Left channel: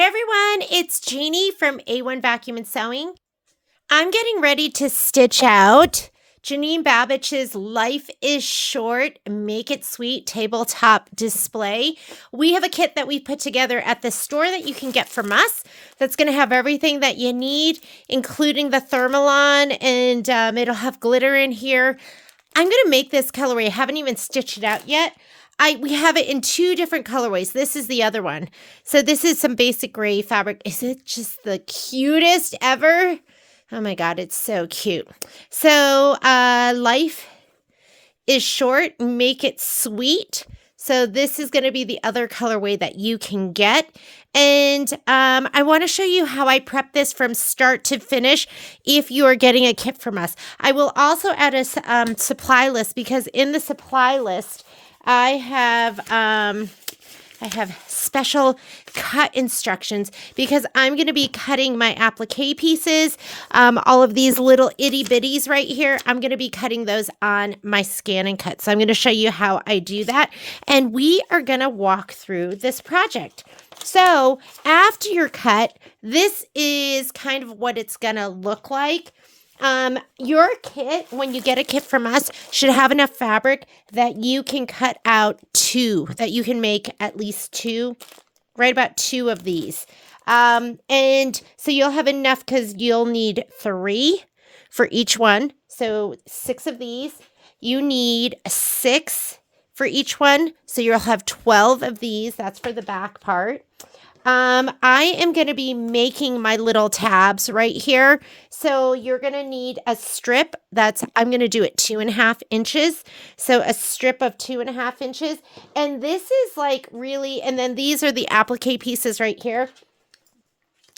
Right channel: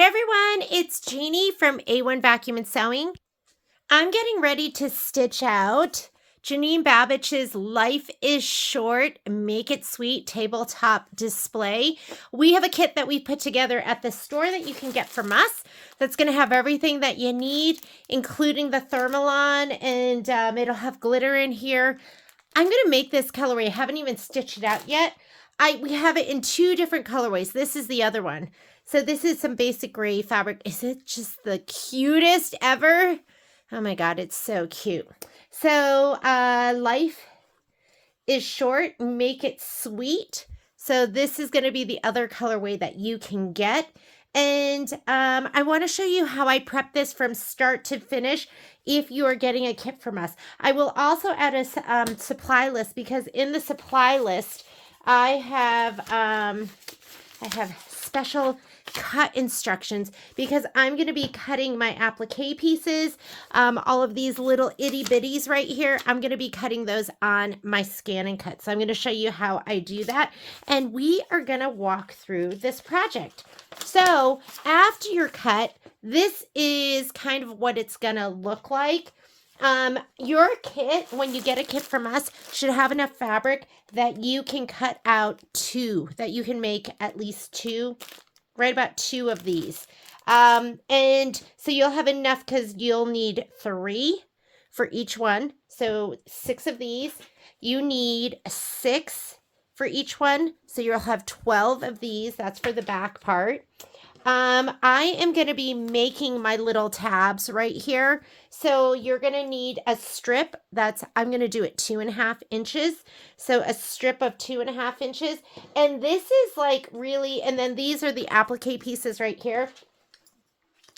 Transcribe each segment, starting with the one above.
Hey everyone, it's Jeannie from A1 Vacuum and Sewing. I'm getting ready to stitch out Janine Babich's Life is Short, Make It Sweet tabletop display. We have a kit that we put together at the store that you can get from us that's going to have everything that you need, including the thermalon, and it'll have glitter in here. I'm going to make this colorway. I haven't even stitched it out yet. We have it in two different colorways. This is the other one. So this is some basic gray fabric. Is it just the cutest ever? Oh my God, it's so cute. So life is short, make it sweet. So this is going to be the other colorway that you can get. And I want to show you how I prep this from start to finish if you are getting a kit from us. I will also add a supply list, because in the supply list, I have special cut instructions, because I'm going to be cutting my applique pieces, all of these little itty bitties right here. I'm going to be cutting those on my scan and cut. So I'm going to show you how I do that. And we are going to walk through this project. So after your cut, this is kind of what it's going to look like. Your kit, when you get a kit from us, should have enough fabric that you can cut out two, that you can make at least two, right about two of these. And so you'll have enough, because you'll need 3 for each one. So 6 of these. You need 6 for each one. So you'll have 12 of these. That's for the back part. I am going to be making my little tabs right here. So you're going to need a strip I'm going to do it 2.5 inches. So a strip of 2.5 inches. And this is like really, and then these are the applique pieces right here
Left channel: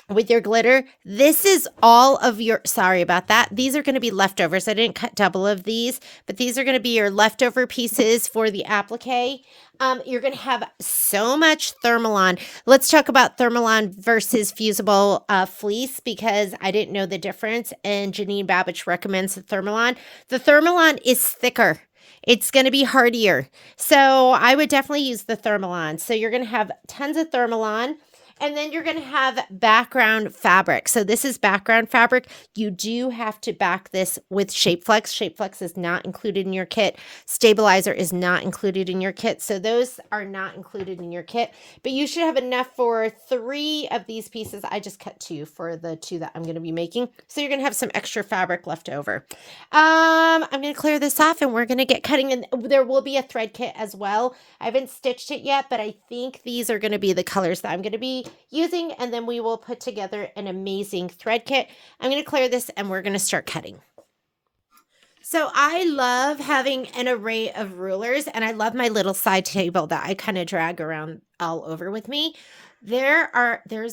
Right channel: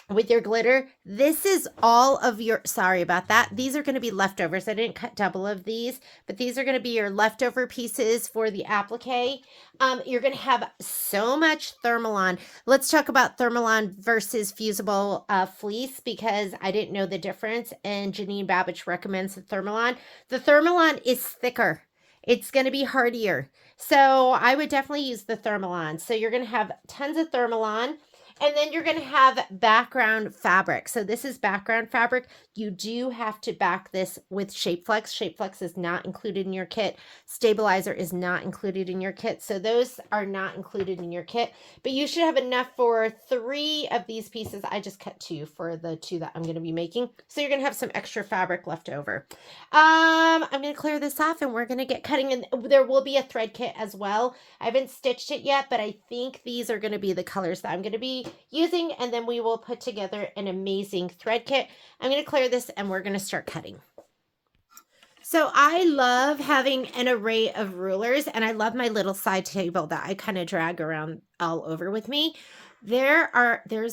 with your glitter. This is all of your, sorry about that. These are going to be leftovers. I didn't cut double of these, but these are going to be your leftover pieces for the applique. You're going to have so much thermalon. Let's talk about thermalon versus fusible fleece, because I didn't know the difference, and Janine Babich recommends the thermalon. The thermalon is thicker. It's going to be hardier. So I would definitely use the thermalon. So you're going to have tons of thermalon. And then you're going to have background fabric. So this is background fabric. You do have to back this with Shapeflex. Shapeflex is not included in your kit. Stabilizer is not included in your kit. So those are not included in your kit. But you should have enough for 3 of these pieces. I just cut 2 for the 2 that I'm going to be making. So you're going to have some extra fabric left over. I'm going to clear this off, and we're going to get cutting. And there will be a thread kit as well. I haven't stitched it yet, but I think these are going to be the colors that I'm going to be using, and then we will put together an amazing thread kit. I'm going to clear this, and we're going to start cutting. So I love having an array of rulers, and I love my little side table that I kind of drag around all over with me. There's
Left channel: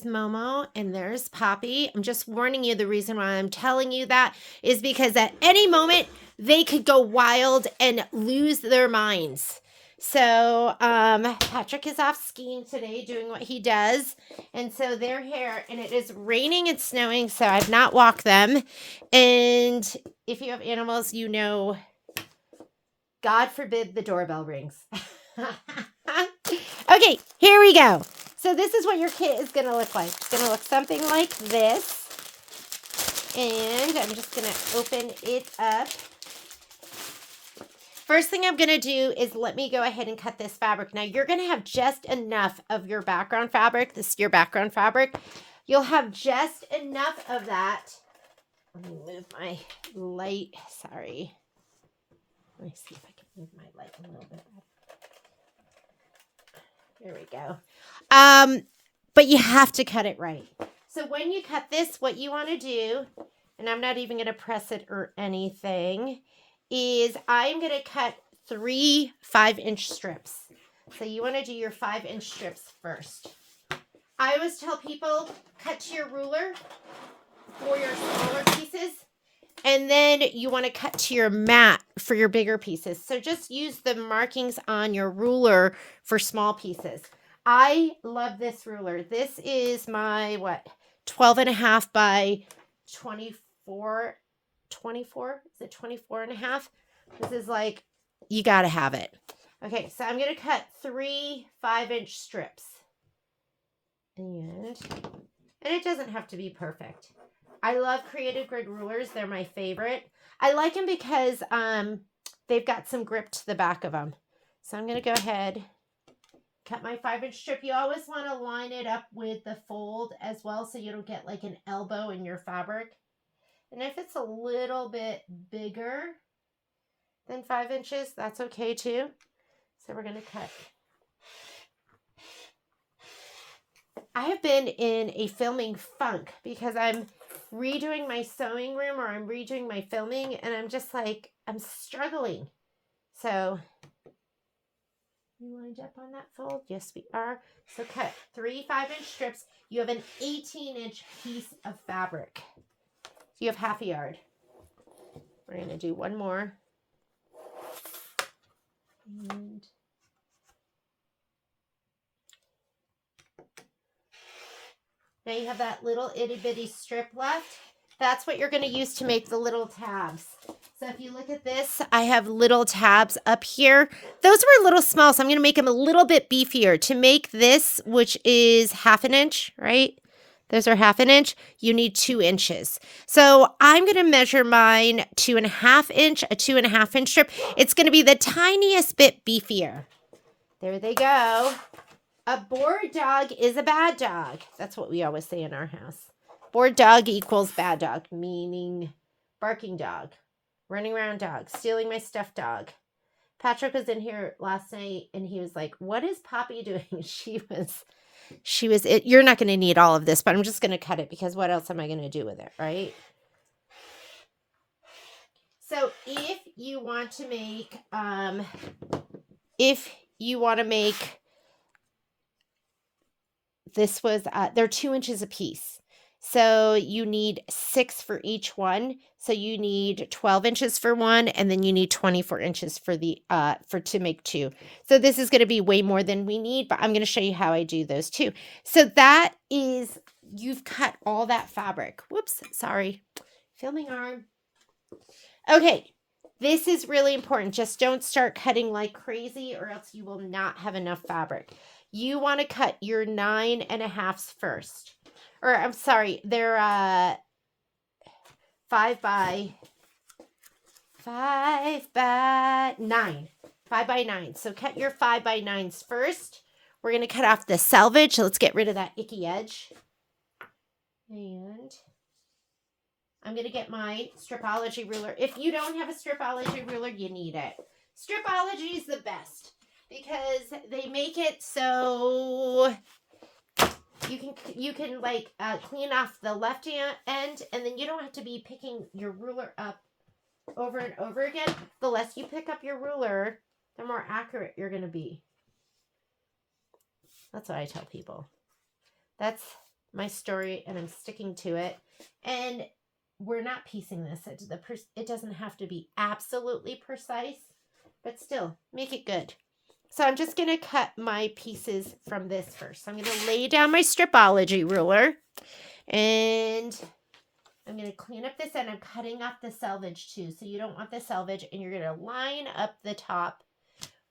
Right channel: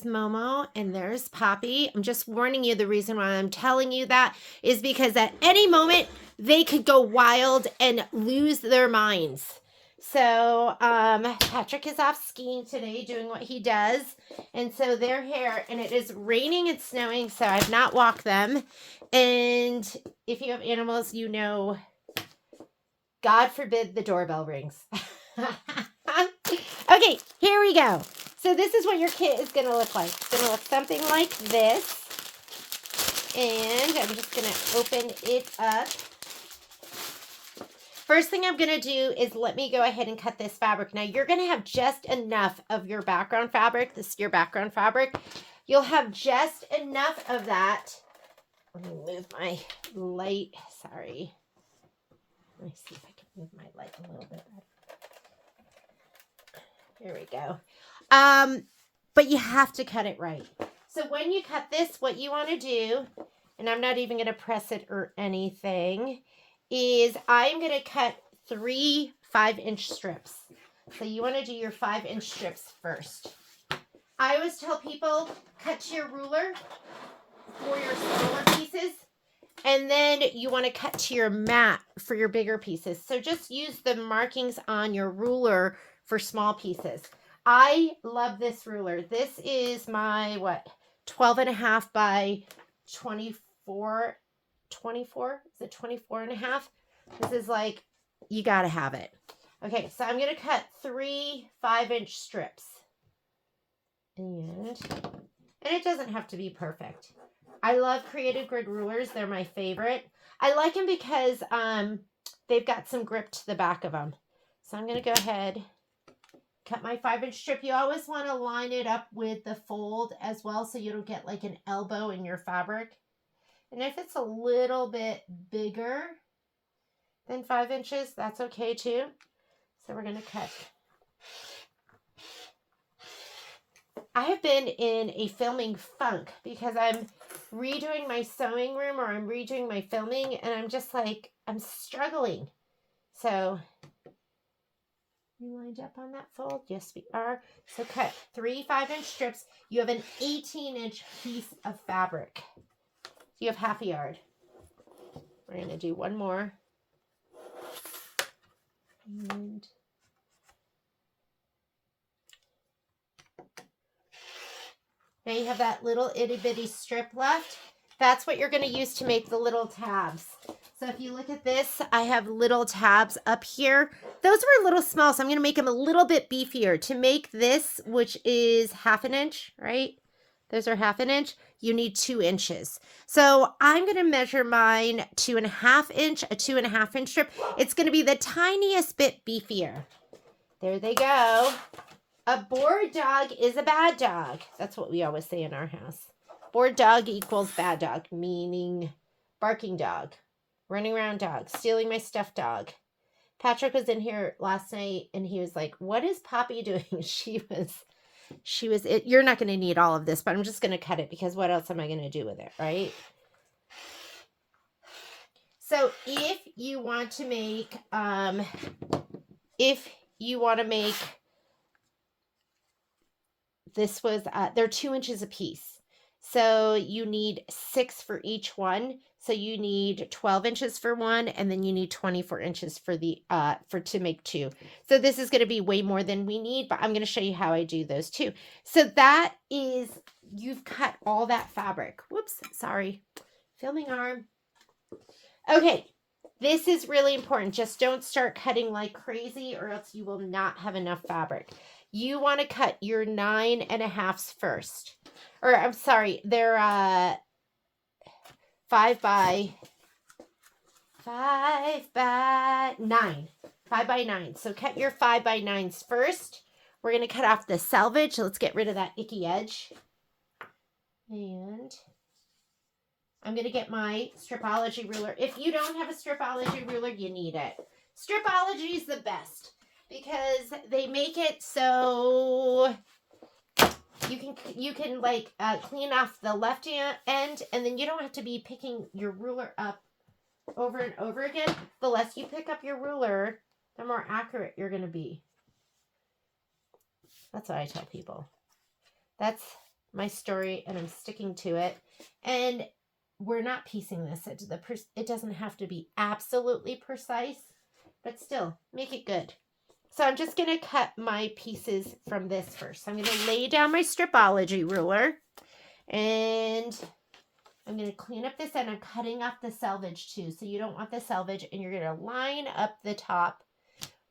Momo and there's Poppy. I'm just warning you, the reason why I'm telling you that is because at any moment they could go wild and lose their minds. So Patrick is off skiing today, doing what he does, and so they're here, and it is raining and snowing, so I've not walked them. And if you have animals, you know, God forbid the doorbell rings. Okay, here we go. So this is what your kit is going to look like. It's going to look something like this, and I'm just going to open it up. First thing I'm going to do is let me go ahead and cut this fabric. Now, you're going to have just enough of your background fabric. This is your background fabric. You'll have just enough of that. Let me move my light. Sorry. Let me see if I can move my light a little bit better. There we go. But you have to cut it right. So when you cut this, what you want to do, and I'm not even going to press it or anything, is I'm going to cut 3 5-inch strips. So you want to do your 5-inch strips first. I always tell people, cut to your ruler for your smaller pieces, and then you want to cut to your mat for your bigger pieces. So just use the markings on your ruler for small pieces. I love this ruler. This is my, 12.5 by 24. Is it 24.5? This is like, you got to have it. Okay, so I'm going to cut 3 5-inch strips. And it doesn't have to be perfect. I love Creative Grid rulers. They're my favorite. I like them because they've got some grip to the back of them. So I'm going to go ahead, cut my 5-inch strip. You always want to line it up with the fold as well so you don't get like an elbow in your fabric. And if it's a little bit bigger than 5 inches, that's okay too. So we're going to cut. I have been in a filming funk because I'm redoing my sewing room, or I'm redoing my filming, and I'm just like, I'm struggling. So, you lined up on that fold? Yes, we are. So cut 3 5-inch strips. You have an 18-inch piece of fabric. So you have half a yard. We're going to do one more. And now you have that little itty bitty strip left. That's what you're going to use to make the little tabs. So if you look at this, I have little tabs up here. Those were a little small, so I'm going to make them a little bit beefier. To make this, which is 1/2 inch, right? Those are 1/2 inch. You need 2 inches. So I'm going to measure mine 2.5 inch, a 2.5 inch strip. It's going to be the tiniest bit beefier. There they go. A bored dog is a bad dog. That's what we always say in our house. Bored dog equals bad dog, meaning barking dog, running around dog, stealing my stuffed dog. Patrick was in here last night and he was like, what is Poppy doing? She was, you're not going to need all of this, but I'm just going to cut it because what else am I going to do with it, right? So if you want to make, this was, they're 2 inches a piece. So you need 6 for each one. So you need 12 inches for one, and then you need 24 inches for the, to make 2. So this is going to be way more than we need, but I'm going to show you how I do those too. So that is, you've cut all that fabric. Whoops, sorry. Filming arm. Okay. This is really important. Just don't start cutting like crazy or else you will not have enough fabric. You want to cut your 9.5s first. Or I'm sorry, they're 5 by 9. 5 by 9. So cut your 5 by 9s first. We're going to cut off the selvage. So let's get rid of that icky edge. And I'm going to get my Stripology ruler. If you don't have a Stripology ruler, you need it. Stripology is the best because they make it so you can like clean off the left end, and then you don't have to be picking your ruler up over and over again. The less you pick up your ruler, the more accurate you're going to be. That's what I tell people. That's my story, and I'm sticking to it. And we're not piecing this. It doesn't have to be absolutely precise, but still make it good. So I'm just going to cut my pieces from this first. So I'm going to lay down my Stripology ruler, and I'm going to clean up this end. I'm cutting off the selvage too. So you don't want the selvage, and you're going to line up the top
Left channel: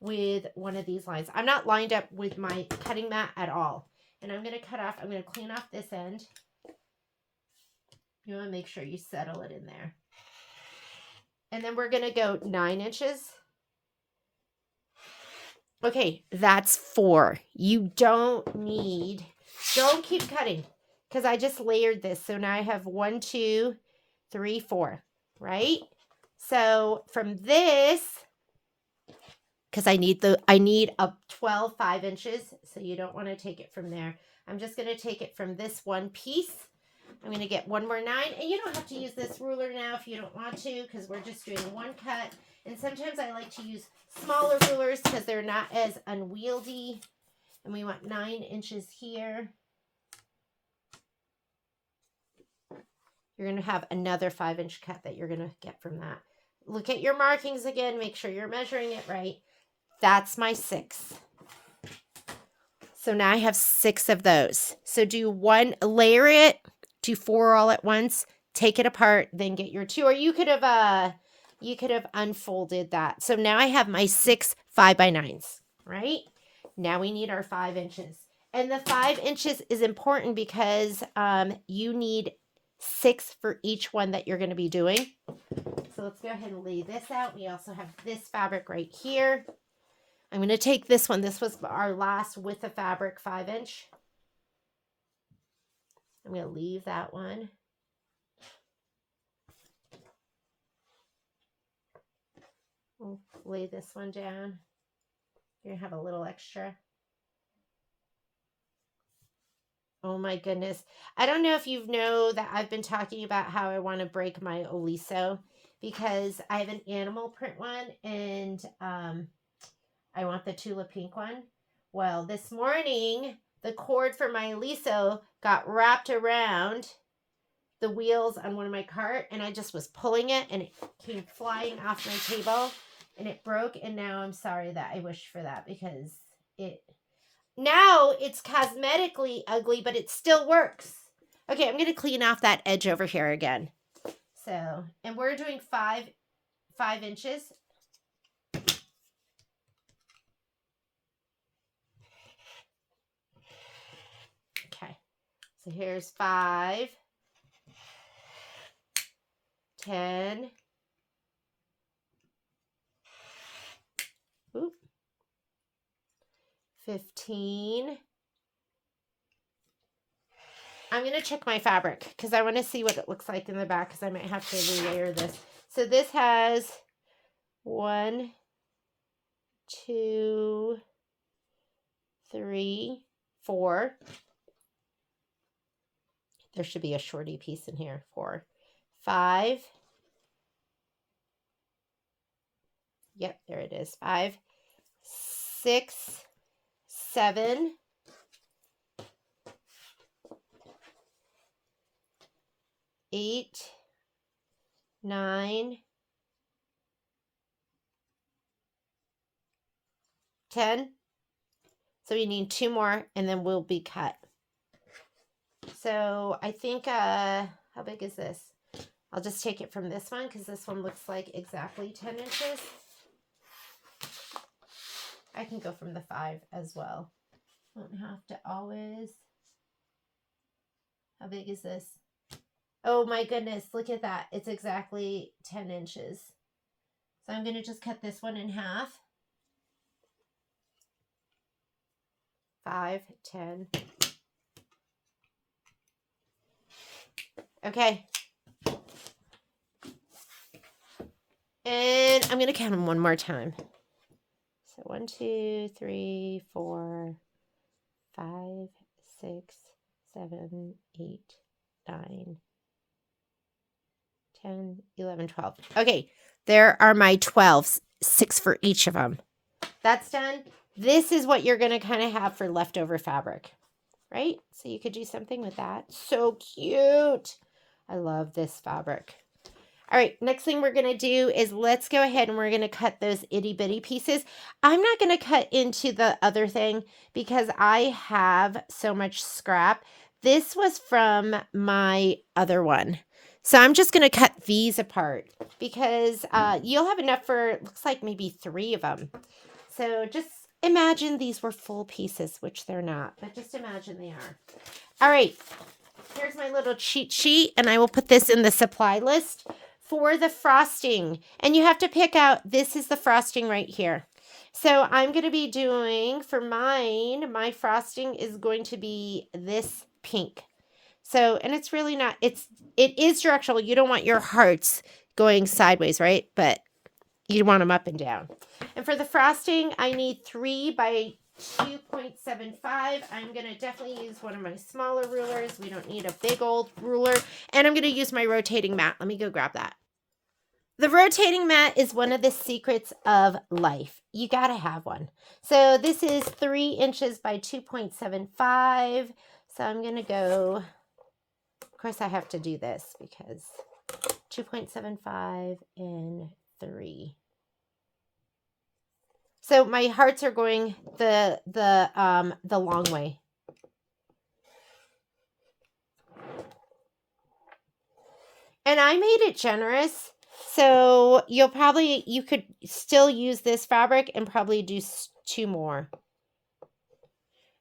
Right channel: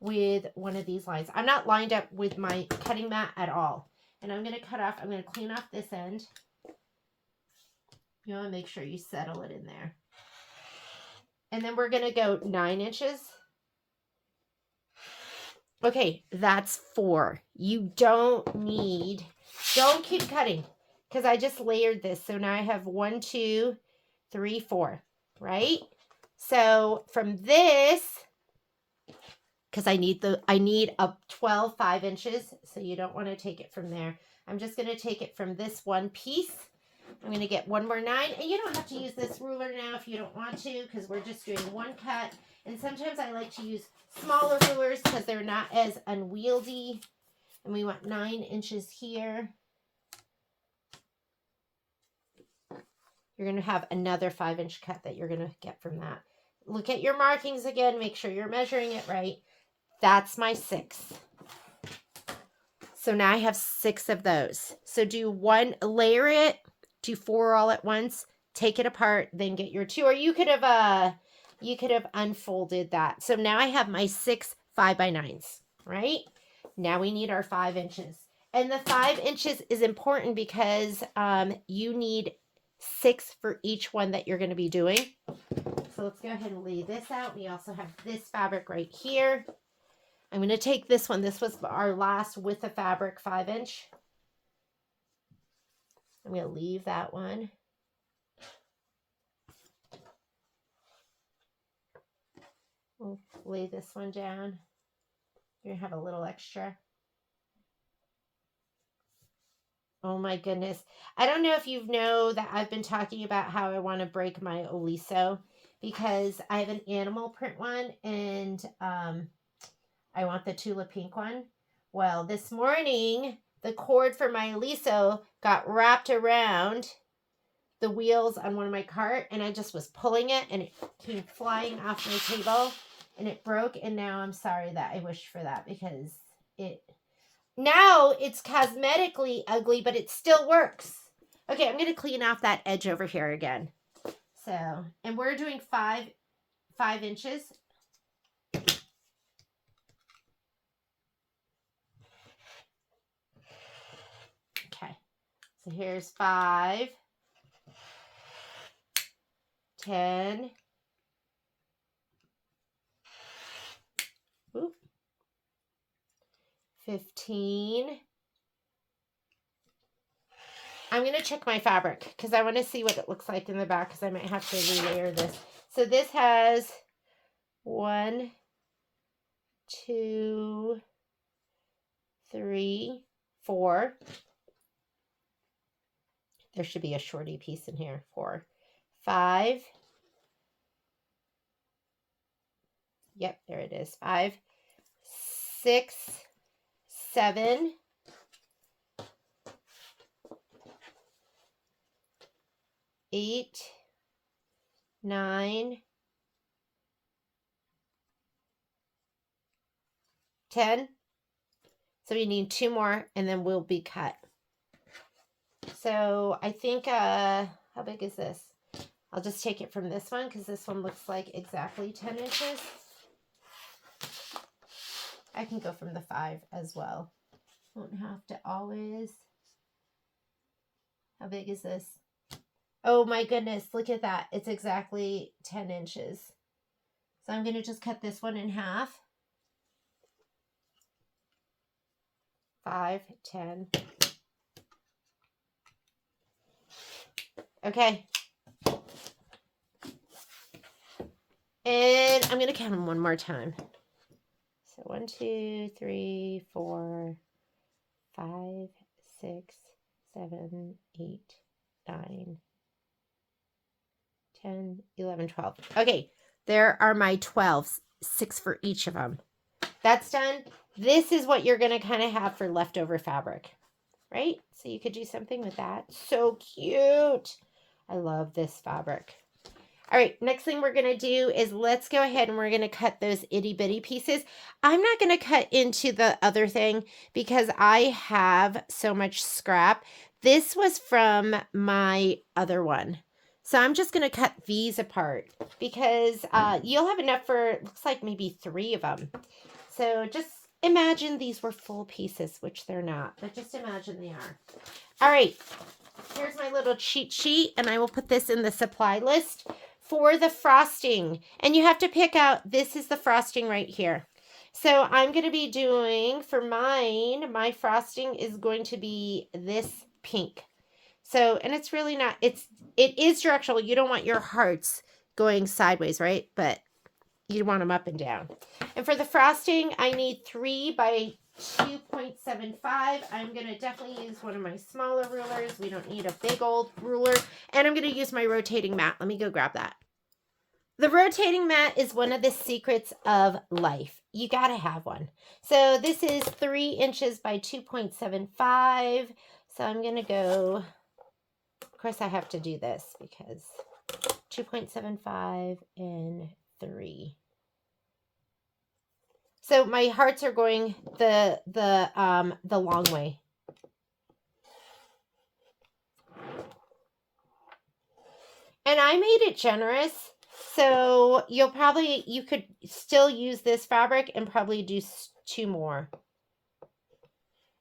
with one of these lines. I'm not lined up with my cutting mat at all. And I'm going to cut off, I'm going to clean off this end. You want to make sure you settle it in there. And then we're going to go 9 inches. Okay, that's 4. You don't keep cutting because I just layered this. So now I have 1, 2, 3, 4, right? So from this, because I need a 12 5 inches, so you don't want to take it from there. I'm just going to take it from this one piece. I'm going to get one more 9, and you don't have to use this ruler now if you don't want to, because we're just doing one cut. And sometimes I like to use smaller rulers because they're not as unwieldy. And we want 9 inches here. You're going to have another 5-inch cut that you're going to get from that. Look at your markings again. Make sure you're measuring it right. That's my 6. So now I have 6 of those. So do one, layer it, do 4 all at once, take it apart, then get your 2. Or you could have unfolded that. So now I have my 6 5 by 9s, right? Now we need our 5 inches. And the 5 inches is important because you need 6 for each one that you're going to be doing. So let's go ahead and lay this out. We also have this fabric right here. I'm going to take this one. This was our last with the fabric 5-inch. I'm going to leave that one. We'll lay this one down. You're going to have a little extra. Oh my goodness. I don't know if you know that I've been talking about how I want to break my Oliso because I have an animal print one and I want the tulip pink one. Well, this morning, the cord for my Oliso got wrapped around the wheels on one of my cart and I just was pulling it and it came flying off my table and it broke. And now I'm sorry that I wished for that because now it's cosmetically ugly, but it still works. Okay, I'm going to clean off that edge over here again. So, and we're doing 5 inches. Okay, so here's 5, 10, oop, 15. I'm going to check my fabric because I want to see what it looks like in the back because I might have to relayer this. So this has 1, 2, 3, 4. There should be a shorty piece in here. 4, 5. Yep, there it is. 5, 6, 7, 8, 9, 10. So we need 2 more and then we'll be cut. So I think, how big is this? I'll just take it from this one because this one looks like exactly 10 inches. I can go from the 5 as well. Don't have to always. How big is this? Oh my goodness, look at that. It's exactly 10 inches. So I'm going to just cut this one in half. 5, 10. Okay. And I'm going to count them one more time. So 1, 2, 3, 4, 5, 6, 7, 8, 9, 10, 11, 12. Okay, there are my 12s, 6 for each of them. That's done. This is what you're going to kind of have for leftover fabric, right? So you could do something with that. So cute. I love this fabric. All right, next thing we're going to do is let's go ahead and we're going to cut those itty bitty pieces. I'm not going to cut into the other thing because I have so much scrap. This was from my other one. So I'm just going to cut these apart because you'll have enough for, looks like maybe 3 of them. So just imagine these were full pieces, which they're not, but just imagine they are. All right, here's my little cheat sheet, and I will put this in the supply list for the frosting. And you have to pick out, this is the frosting right here. So I'm going to be doing, for mine, my frosting is going to be this pink. So, and it's really not, it is directional. You don't want your hearts going sideways, right? But you want them up and down. And for the frosting, I need 3 by 2.75. I'm going to definitely use one of my smaller rulers. We don't need a big old ruler. And I'm going to use my rotating mat. Let me go grab that. The rotating mat is one of the secrets of life. You got to have one. So this is 3 inches by 2.75. So I'm going to go, of course I have to do this because 2.75 and 3. So my hearts are going the long way. And I made it generous. So you could still use this fabric and probably do 2 more.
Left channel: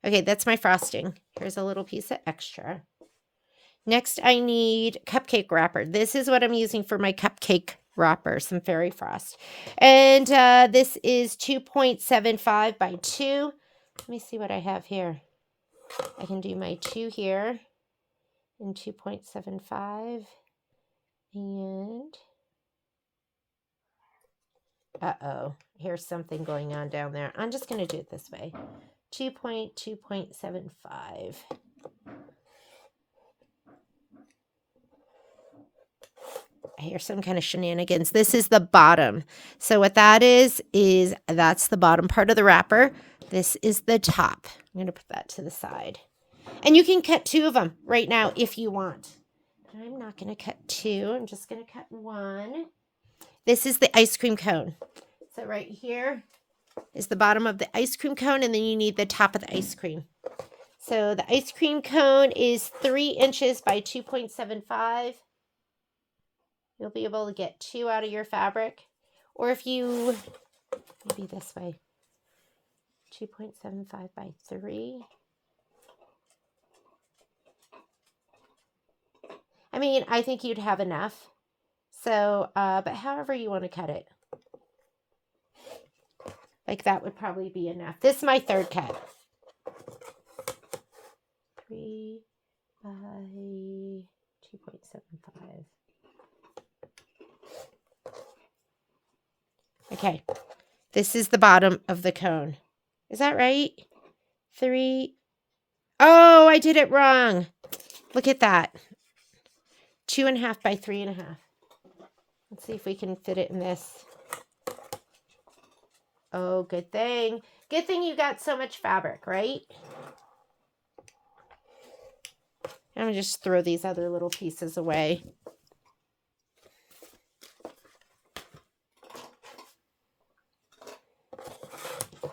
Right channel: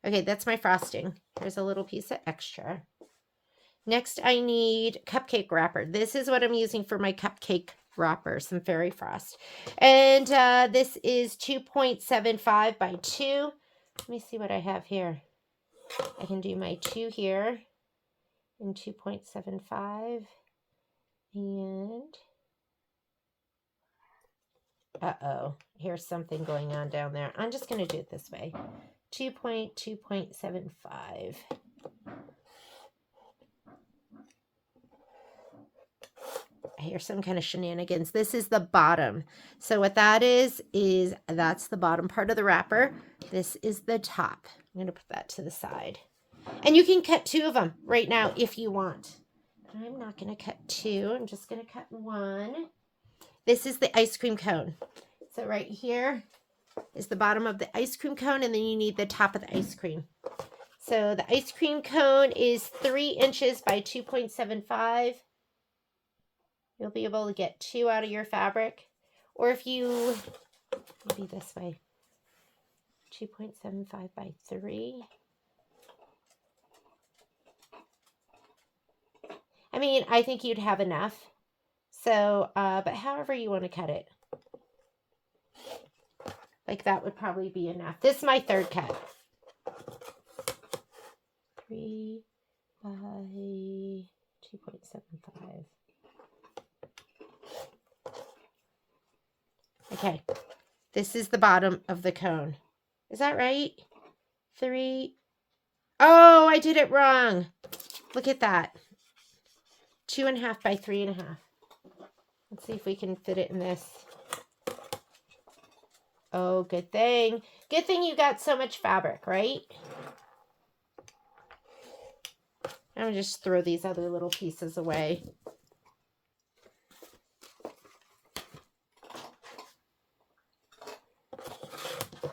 Okay, that's my frosting. Here's a little piece of extra. Next, I need cupcake wrapper. This is what I'm using for my cupcake wrapper, some fairy frost. And this is 2.75 by 2. Let me see what I have here. I can do my 2 here in 2.75. And, uh-oh, here's something going on down there. I'm just going to do it this way. 2.75. Here's some kind of shenanigans. This is the bottom. So what that is that's the bottom part of the wrapper. This is the top. I'm going to put that to the side. And you can cut 2 of them right now if you want. I'm not going to cut 2. I'm just going to cut 1. This is the ice cream cone. So right here is the bottom of the ice cream cone, and then you need the top of the ice cream. So the ice cream cone is 3 inches by 2.75. You'll be able to get 2 out of your fabric. Or if you, maybe this way, 2.75 by 3. I mean, I think you'd have enough. So, but however you want to cut it. Like that would probably be enough. This is my 3rd cut. 3 by 2.75. Okay, this is the bottom of the cone. Is that right? 3. Oh, I did it wrong. Look at that. 2.5 by 3.5. Let's see if we can fit it in this. Oh, good thing. Good thing you got so much fabric, right? I'm going to just throw these other little pieces away.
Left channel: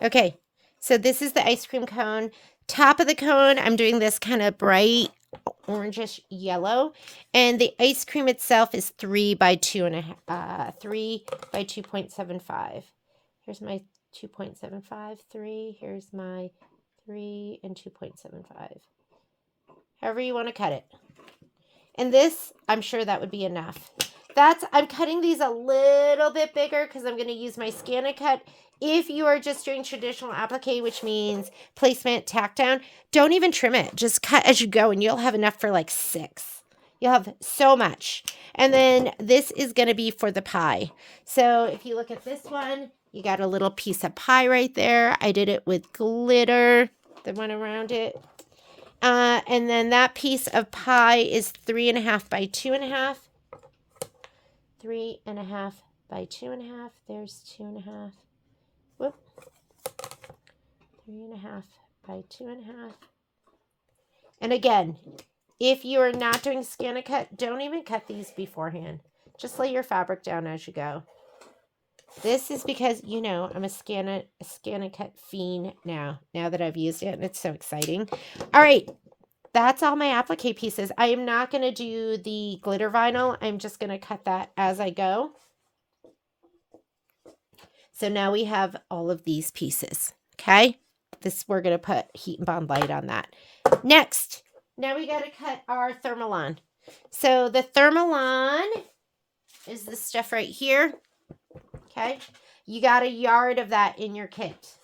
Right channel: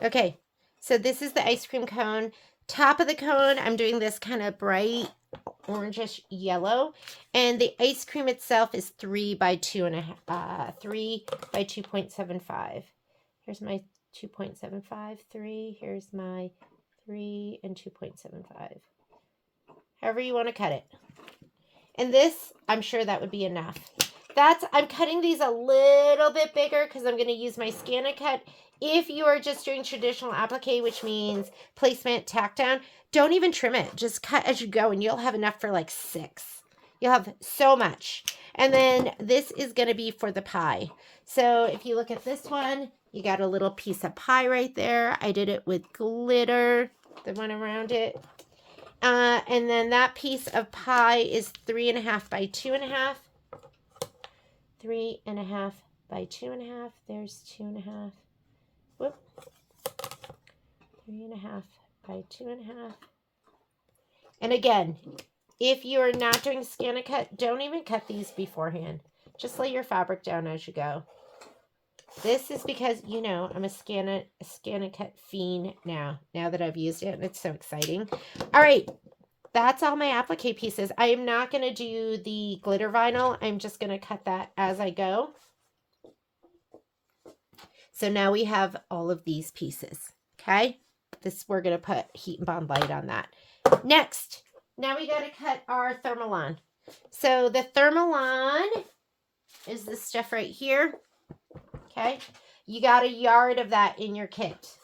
Okay, so this is the ice cream cone. Top of the cone, I'm doing this kind of bright orangish yellow. And the ice cream itself is 3 by 2.5, 3 by 2.75. Here's my 2.75, 3. Here's my 3 and 2.75. However you want to cut it. And this, I'm sure that would be enough. I'm cutting these a little bit bigger because I'm going to use my ScanNCut. If you are just doing traditional applique, which means placement, tack down, don't even trim it. Just cut as you go and you'll have enough for like 6. You'll have so much. And then this is going to be for the pie. So if you look at this one, you got a little piece of pie right there. I did it with glitter that went around it. And then that piece of pie is 3.5 by 2.5. 3.5 by 2.5. There's 2.5. Whoop. 3.5 by 2.5. And again, if you are not doing ScanNCut, don't even cut these beforehand. Just lay your fabric down as you go. This is because, you know, I'm a ScanNCut fiend now that I've used it, and it's so exciting. All right, that's all my applique pieces. I am not going to do the glitter vinyl. I'm just going to cut that as I go. So now we have all of these pieces, okay? We're going to put heat and bond light on that. Next, now we got to cut our thermalon. So the thermalon is the stuff right here, okay? You got a yard of that in your kit.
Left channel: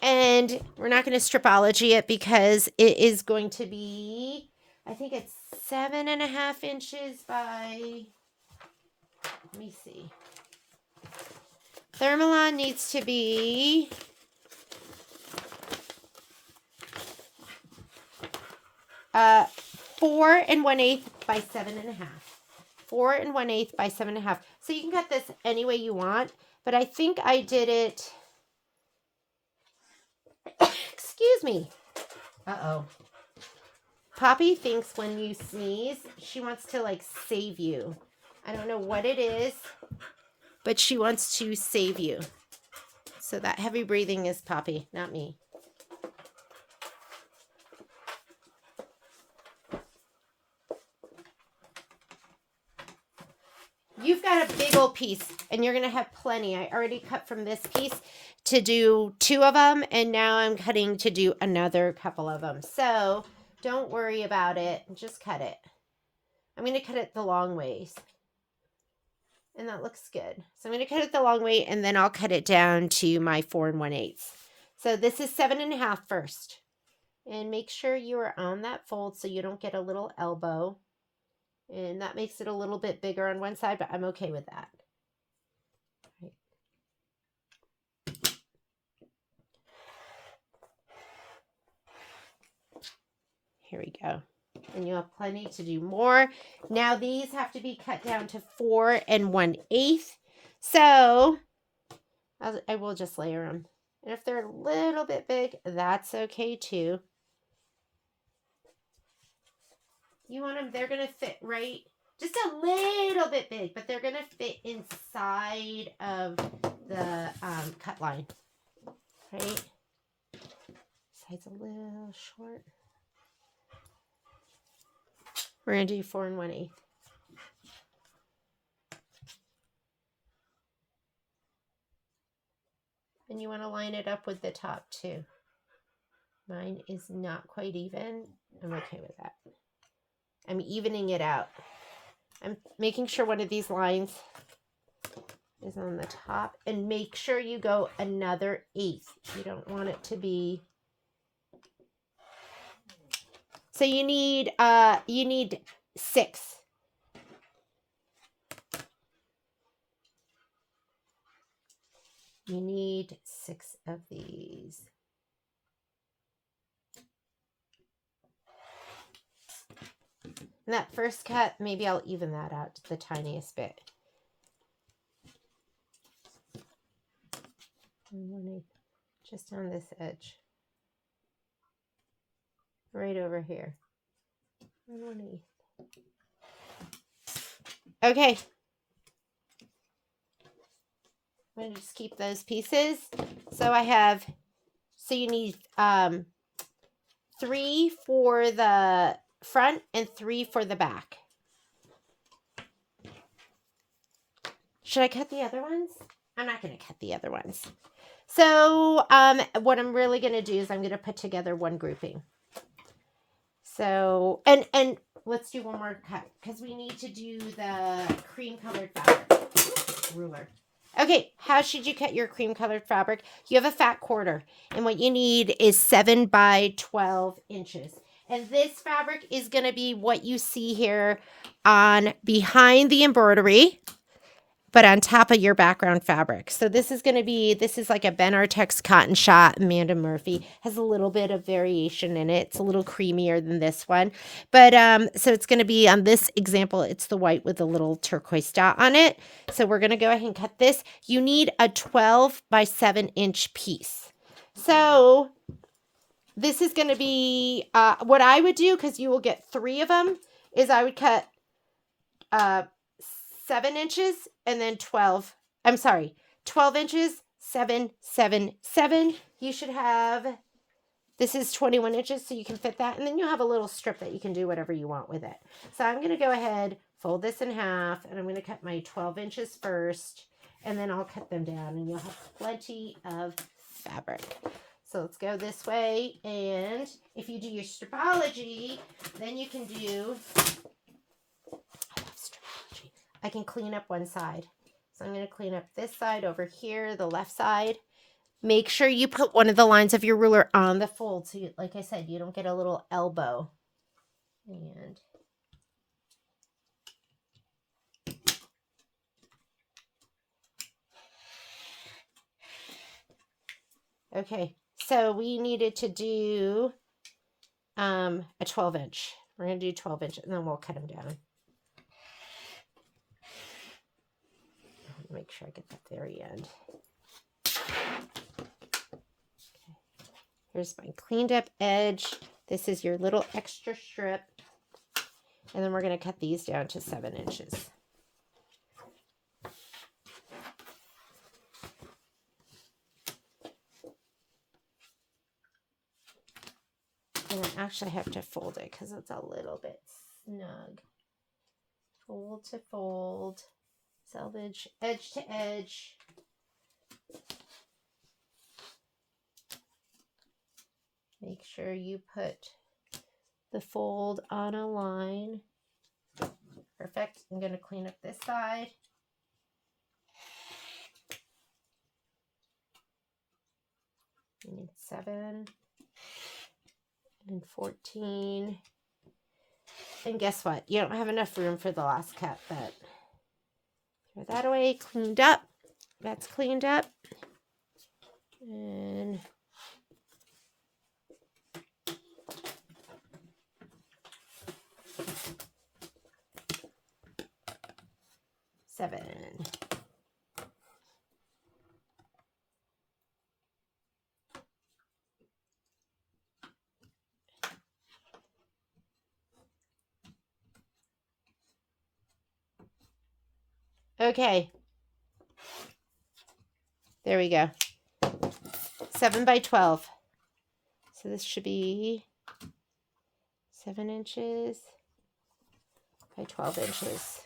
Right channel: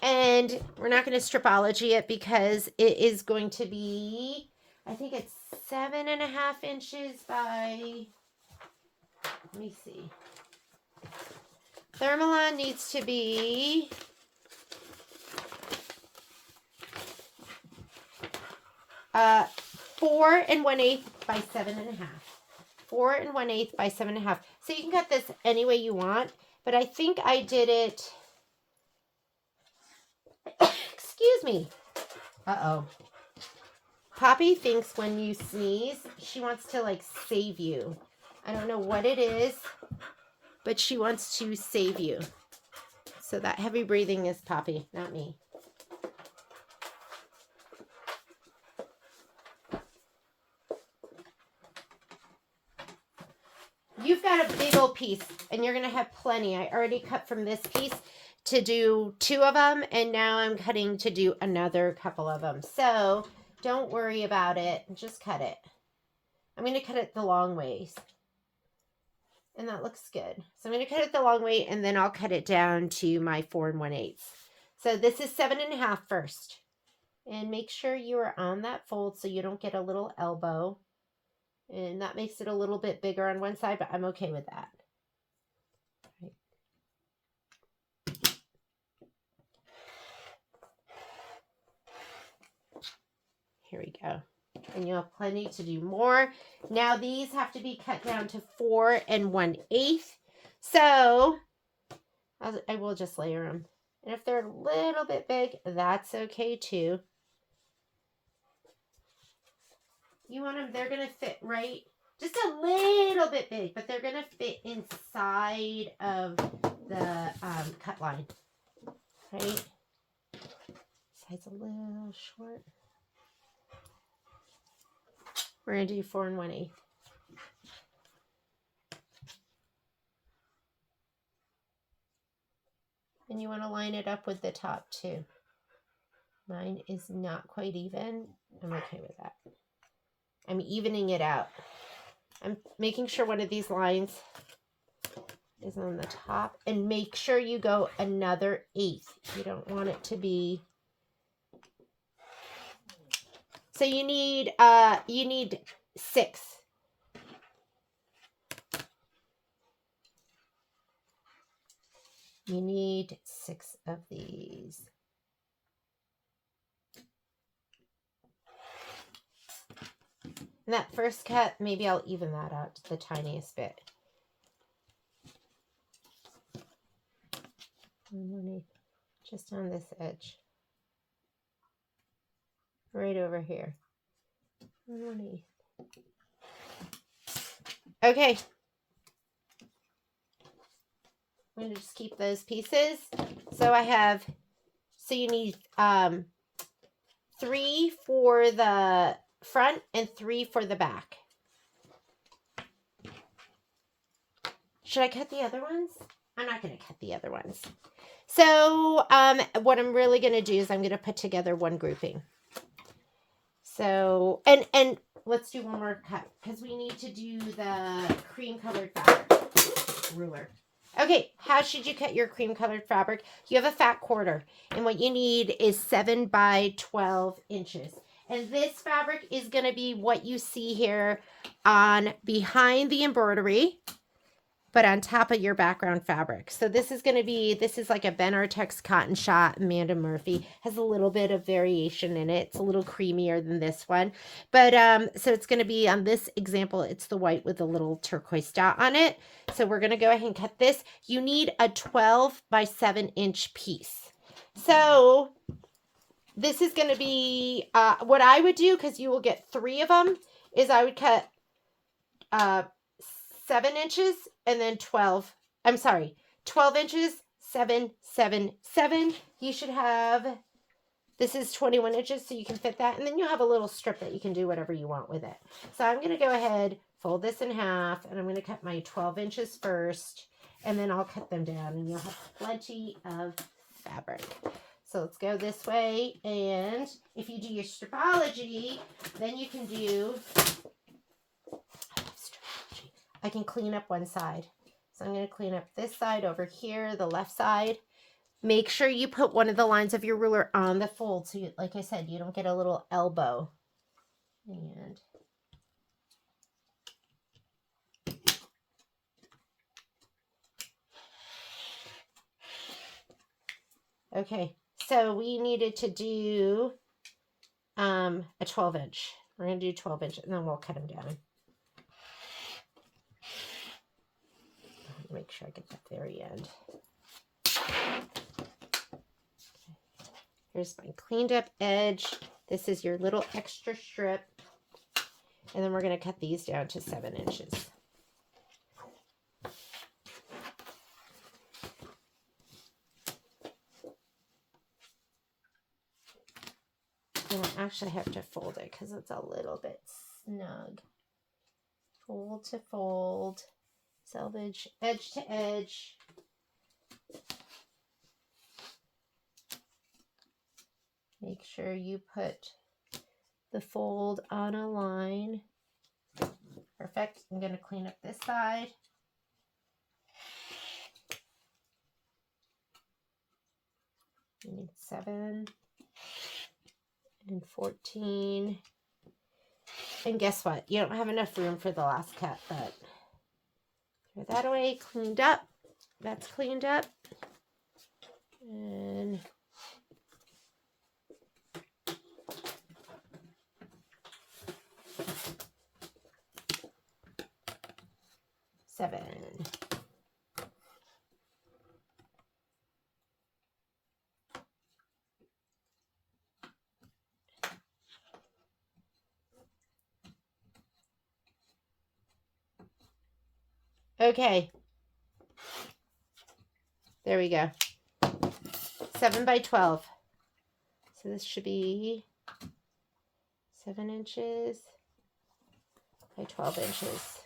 And we're not going to stripology it because it is going to be, I think it's 7.5 inches by, let me see. Thermalon needs to be 4 1/8 by 7.5. 4 1/8 by 7.5. So you can cut this any way you want, but I think I did it. Excuse me. Uh-oh. Poppy thinks when you sneeze, she wants to like save you. I don't know what it is, but she wants to save you. So that heavy breathing is Poppy, not me. You've got a big old piece, and you're going to have plenty. I already cut from this piece to do 2 of them, and now I'm cutting to do another couple of them. So don't worry about it. Just cut it. I'm going to cut it the long ways. And that looks good. So I'm going to cut it the long way, and then I'll cut it down to my 4 1/8. So this is 7 1/2 first. And make sure you are on that fold so you don't get a little elbow. And that makes it a little bit bigger on one side, but I'm okay with that. Right. Here we go. And you'll have plenty to do more. Now these have to be cut down to 4 1/8. So I will just layer them. And if they're a little bit big, that's okay too. You want them, they're going to fit right, just a little bit big, but they're going to fit inside of the cut line, right? Side's a little short. We're going to do 4 1/8. And you want to line it up with the top too. Mine is not quite even. I'm okay with that. I'm evening it out. I'm making sure one of these lines is on the top, and make sure you go another 1/8. You don't want it to be. So you need 6. You need 6 of these. And that first cut, maybe I'll even that out to the tiniest bit. 1/8, just on this edge. Right over here. 1/8. Okay. I'm going to just keep those pieces. So you need 3 for the front and 3 for the back. Should I cut the other ones? I'm not going to cut the other ones. So what I'm really going to do is I'm going to put together one grouping. So, and let's do one more cut because we need to do the cream colored fabric ruler. Okay, how should you cut your cream colored fabric? You have a fat quarter, and what you need is 7 by 12 inches. And this fabric is going to be what you see here on behind the embroidery, but on top of your background fabric. So this is like a Ben Artex cotton shot. Amanda Murphy has a little bit of variation in it. It's a little creamier than this one. But so it's going to be on this example, it's the white with a little turquoise dot on it. So we're going to go ahead and cut this. You need a 12 by 7 inch piece. So this is going to be what I would do, because you will get 3 of them, is I would cut 7 inches and then 12 inches, 7, 7, 7. You should have, this is 21 inches, so you can fit that. And then you'll have a little strip that you can do whatever you want with it. So I'm going to go ahead, fold this in half, and I'm going to cut my 12 inches first, and then I'll cut them down, and you'll have plenty of fabric. So let's go this way. And if you do your stripology, then you can do, I can clean up one side. So I'm going to clean up this side over here, the left side. Make sure you put one of the lines of your ruler on the fold. So like I said, you don't get a little elbow. And okay, so we needed to do a 12 inch. We're going to do 12 inch, and then we'll cut them down. Make sure I get the very end. Okay. Here's my cleaned up edge. This is your little extra strip. And then we're going to cut these down to 7 inches. And I actually have to fold it because it's a little bit snug. Fold to fold. Selvage edge to edge. Make sure you put the fold on a line. Perfect. I'm going to clean up this side. You need 7 and 14. And guess what? You don't have enough room for the last cut, but throw that away. Cleaned up. That's cleaned up. And seven. Okay. There we go. 7 by 12. So this should be 7 inches by 12 inches.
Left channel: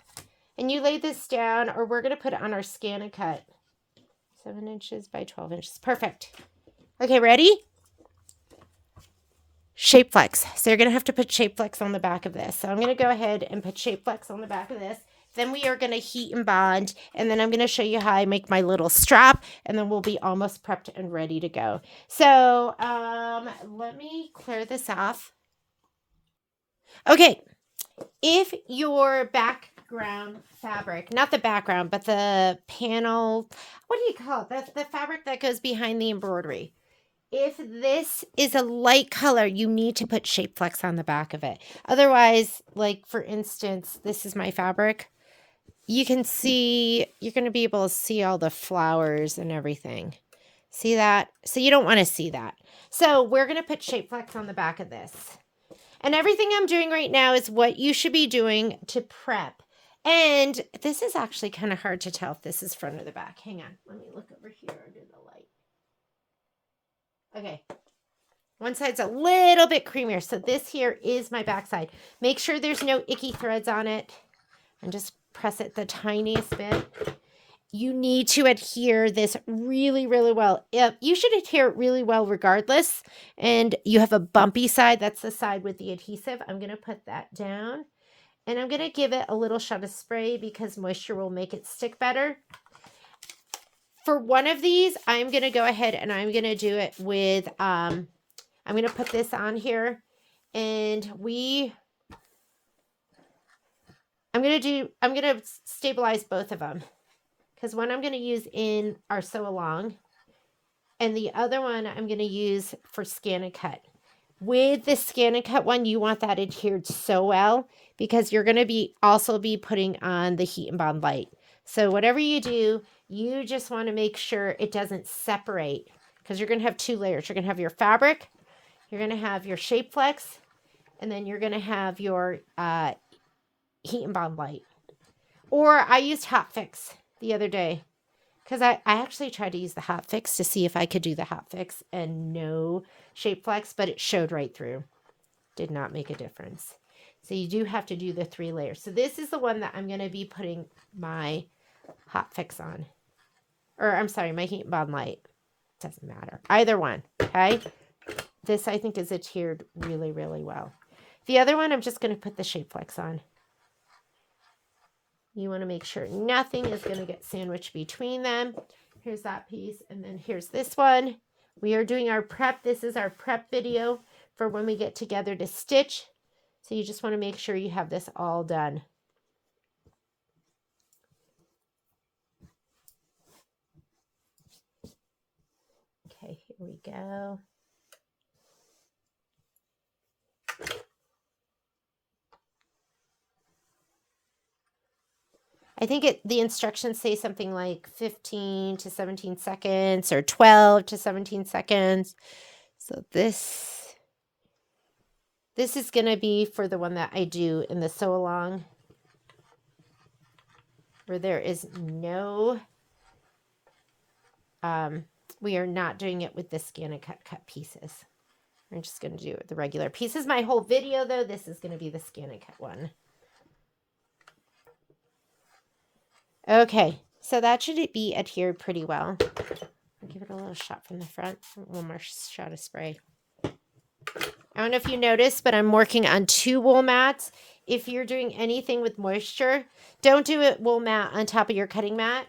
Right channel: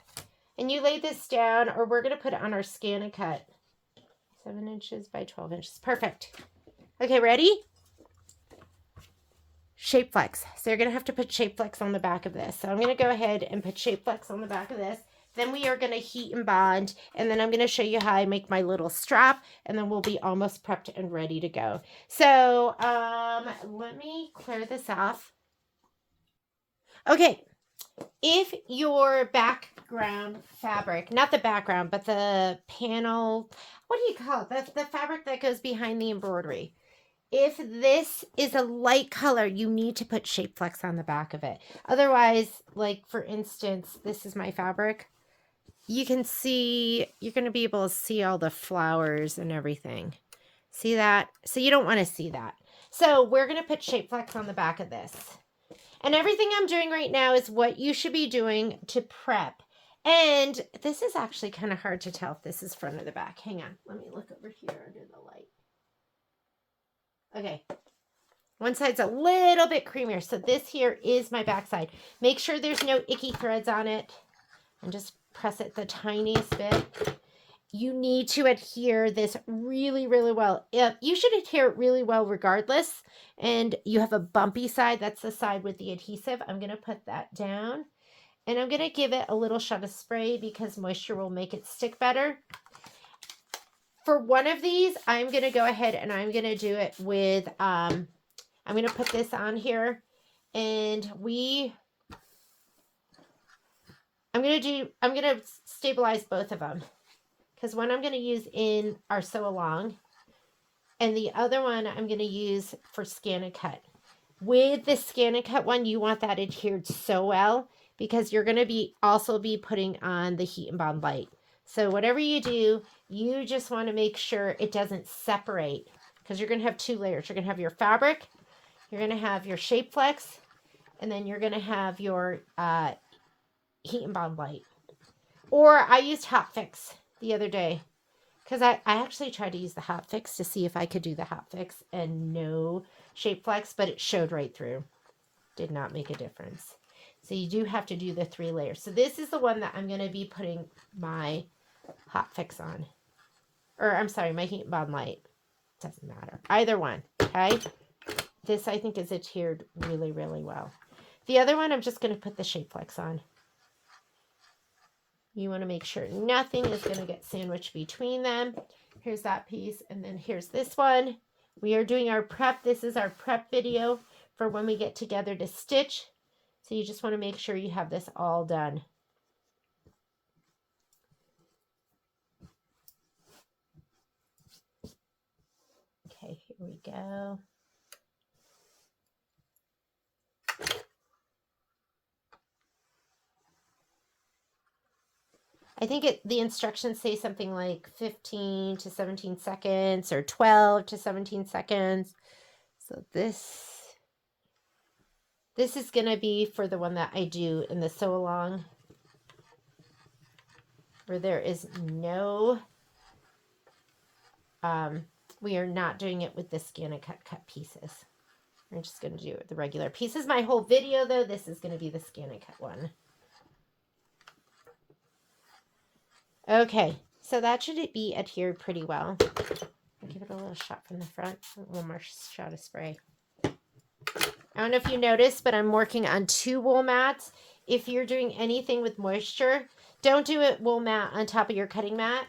And you lay this down, or we're going to put it on our scan and cut. 7 inches by 12 inches. Perfect. Okay, ready? Shape flex. So you're going to have to put shape flex on the back of this. So I'm going to go ahead and put shape flex on the back of this. Then we are going to heat and bond, and then I'm going to show you how I make my little strap, and then we'll be almost prepped and ready to go. So let me clear this off. Okay, if your background fabric, not the background, but the panel, what do you call it? The fabric that goes behind the embroidery. If this is a light color, you need to put shape flex on the back of it. Otherwise, like for instance, this is my fabric. You can see, you're going to be able to see all the flowers and everything. See that? So you don't want to see that. So we're going to put shape flex on the back of this. And everything I'm doing right now is what you should be doing to prep. And this is actually kind of hard to tell if this is front or the back. Hang on. Let me look over here under the light. Okay. One side's a little bit creamier. So this here is my back side. Make sure there's no icky threads on it. And just press it the tiniest bit. You need to adhere this really, really well. You should adhere it really well regardless. And you have a bumpy side. That's the side with the adhesive. I'm going to put that down. And I'm going to give it a little shot of spray because moisture will make it stick better. For one of these, I'm going to go ahead and I'm going to do it with, I'm going to put this on here. And I'm going to stabilize both of them. Because one I'm going to use in our sew along. And the other one I'm going to use for scan and cut. With the scan and cut one, you want that adhered so well. Because you're going to also be putting on the heat and bond light. So whatever you do, you just want to make sure it doesn't separate. Because you're going to have 2 layers. You're going to have your fabric. You're going to have your shape flex. And then you're going to have your heat and bond light. Or I used Hot Fix the other day because I actually tried to use the Hot Fix to see if I could do the Hot Fix and no shape flex, but it showed right through. Did not make a difference. So you do have to do the 3 layers. So this is the one that I'm going to be putting my Hot Fix on. Or I'm sorry, my heat and bond light. Doesn't matter. Either one. Okay. This I think is adhered really, really well. The other one, I'm just going to put the shape flex on. You want to make sure nothing is going to get sandwiched between them. Here's that piece. And then here's this one. We are doing our prep. This is our prep video for when we get together to stitch. So you just want to make sure you have this all done. Okay, here we go. I think the instructions say something like 15 to 17 seconds or 12 to 17 seconds. So this is going to be for the one that I do in the sew along, where there is no, we are not doing it with the scan and cut pieces. We're just going to do the regular pieces. My whole video though, this is going to be the scan and cut one. Okay, so that should be adhered pretty well. I'll give it a little shot from the front, one more shot of spray. I don't know if you noticed, but I'm working on 2 wool mats. If you're doing anything with moisture, don't do a wool mat on top of your cutting mat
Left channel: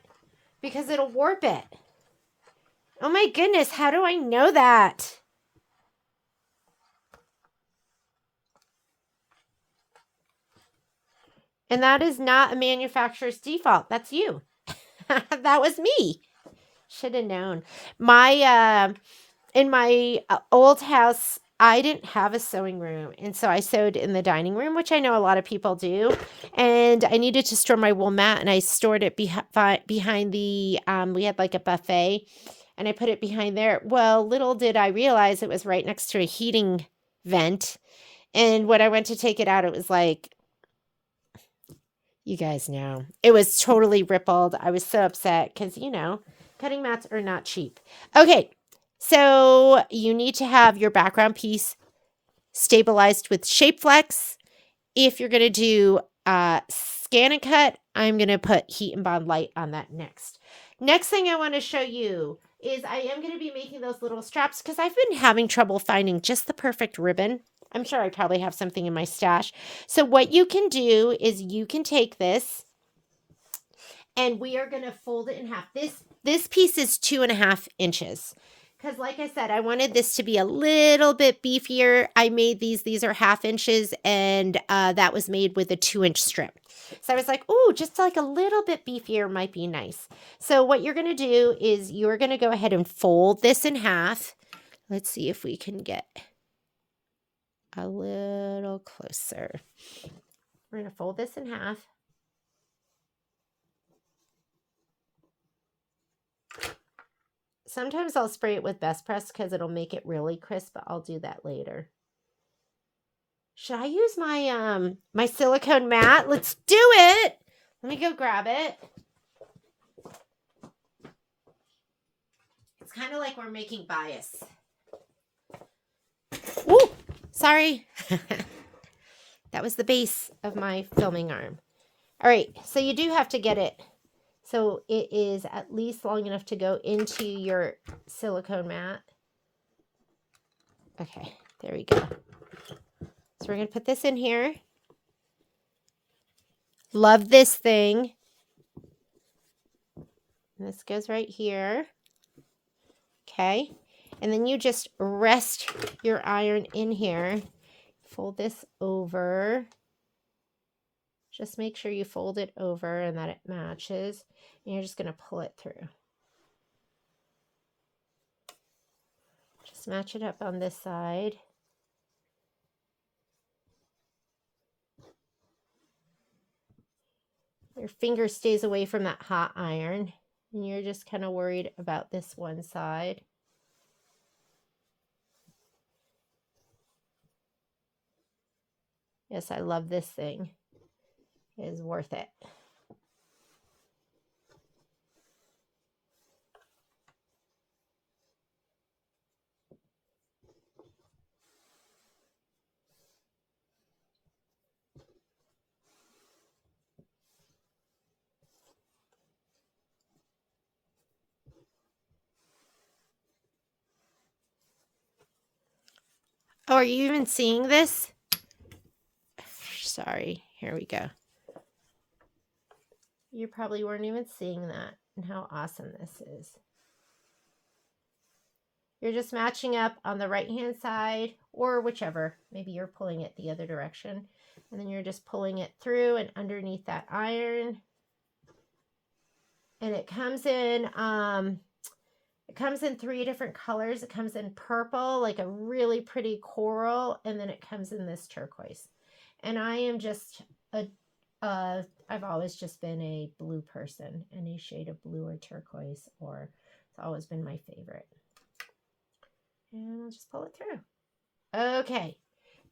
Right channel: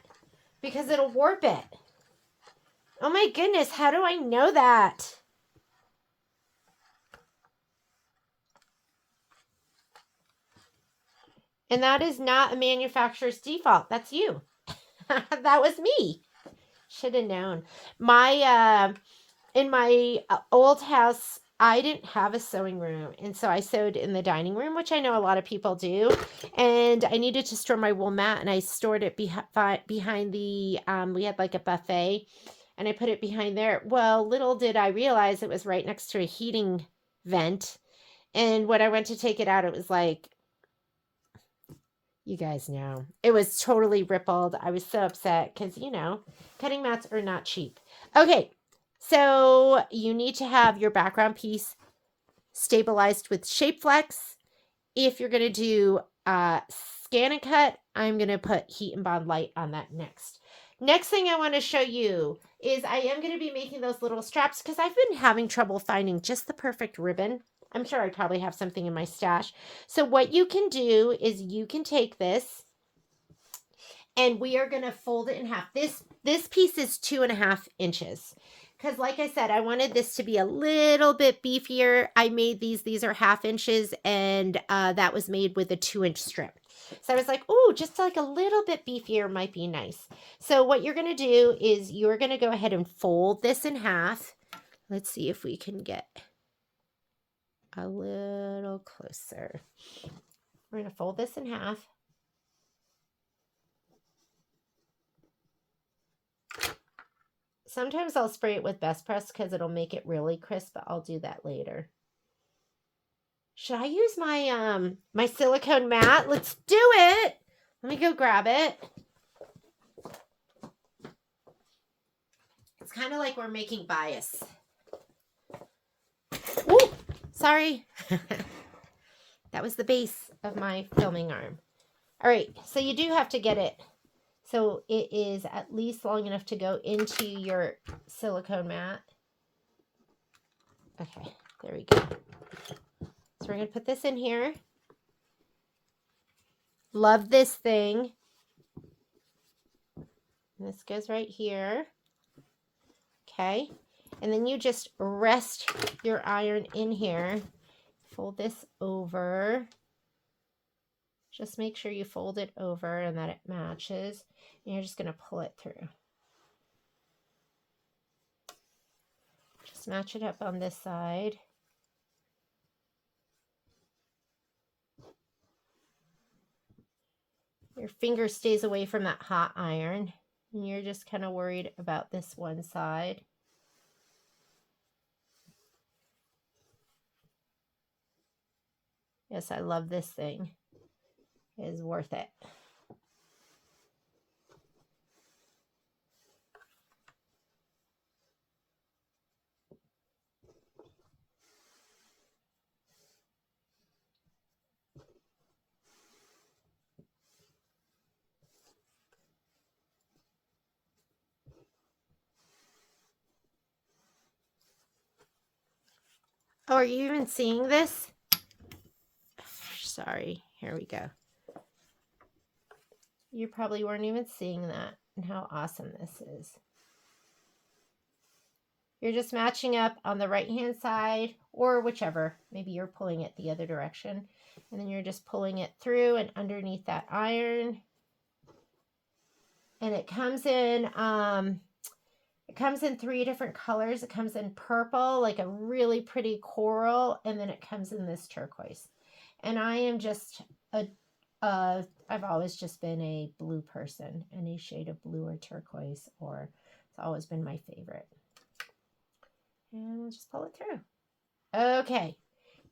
because it'll warp it. Oh my goodness, how do I know that? And that is not a manufacturer's default. That's you. That was me. Should have known. My in my old house, I didn't have a sewing room, and so I sewed in the dining room, which I know a lot of people do. And I needed to store my wool mat, and I stored it behind the we had like a buffet, and I put it behind there. Well, little did I realize it was right next to a heating vent. And when I went to take it out, it was like, you guys know, it was totally rippled. I was so upset because, you know, cutting mats are not cheap. Okay, so you need to have your background piece stabilized with Shape Flex. If you're going to do scan and cut, I'm going to put Heat and Bond Light on that next. Next thing I want to show you is I am going to be making those little straps because I've been having trouble finding just the perfect ribbon. I'm sure I probably have something in my stash. So what you can do is you can take this and we are going to fold it in half. This piece is 2.5 inches. Because like I said, I wanted this to be a little bit beefier. I made these are 1/2 inches, and that was made with a 2-inch strip. So I was like, ooh, just like a little bit beefier might be nice. So what you're going to do is you're going to go ahead and fold this in half. Let's see if we can get a little closer. We're going to fold this in half. Sometimes I'll spray it with Best Press because it'll make it really crisp, but I'll do that later. Should I use my my silicone mat? Let's do it. Let me go grab it. It's kind of like we're making bias. Ooh, sorry. That was the base of my filming arm. All right, so you do have to get it so it is at least long enough to go into your silicone mat. Okay, there we go. So we're going to put this in here. Love this thing. And this goes right here. Okay. And then you just rest your iron in here. Fold this over. Just make sure you fold it over and that it matches. And you're just going to pull it through. Just match it up on this side. Your finger stays away from that hot iron. And you're just kind of worried about this one side. Yes, I love this thing. It is worth it. Oh, are you even seeing this? Sorry, here we go. You probably weren't even seeing that and how awesome this is. You're just matching up on the right hand side or whichever. Maybe you're pulling it the other direction. And then you're just pulling it through and underneath that iron. And it comes in 3 different colors. It comes in purple, like a really pretty coral, and then it comes in this turquoise. And I am just I've always just been a blue person, any shade of blue or turquoise, or it's always been my favorite. And I'll just pull it through. Okay,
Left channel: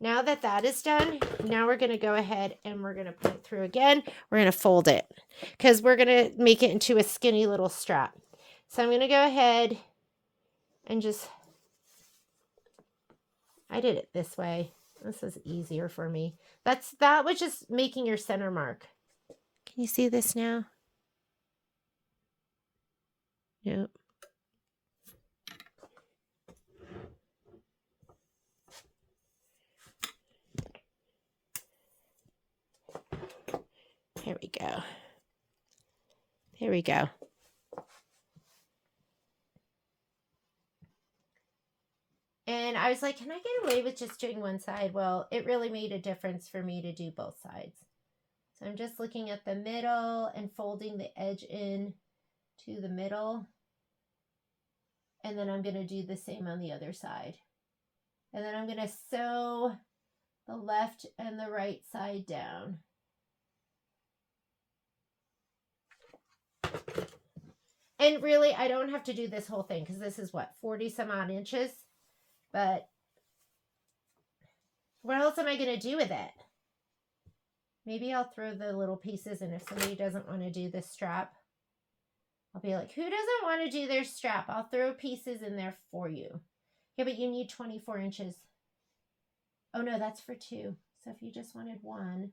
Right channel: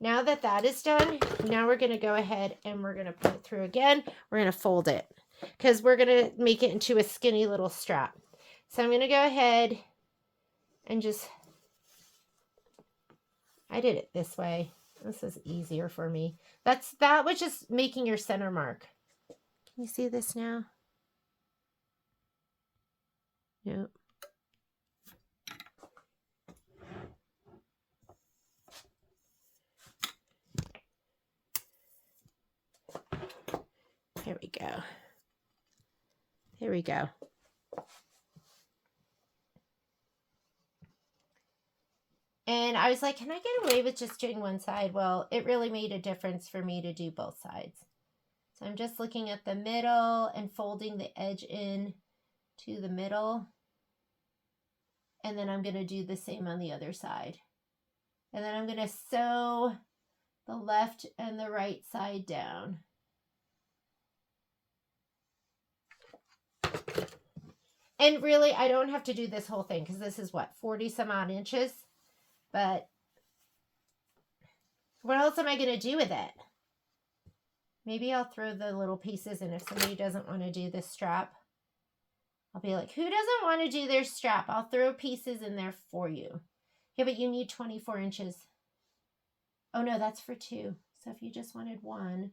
now that that is done, now we're going to go ahead and we're going to put it through again. We're going to fold it because we're going to make it into a skinny little strap. So I'm going to go ahead and just, I did it this way. This is easier for me. That was just making your center mark. Can you see this now? Nope. There we go. There we go. And I was like, can I get away with just doing one side? Well, it really made a difference for me to do both sides. So I'm just looking at the middle and folding the edge in to the middle. And then I'm going to do the same on the other side. And then I'm going to sew the left and the right side down. And really, I don't have to do this whole thing because this is what, 40 some odd inches? But what else am I going to do with it? Maybe I'll throw the little pieces in if somebody doesn't want to do the strap. I'll be like, who doesn't want to do their strap? I'll throw pieces in there for you. Yeah, but you need 24 inches. Oh, no, that's for 2. So if you just wanted 1.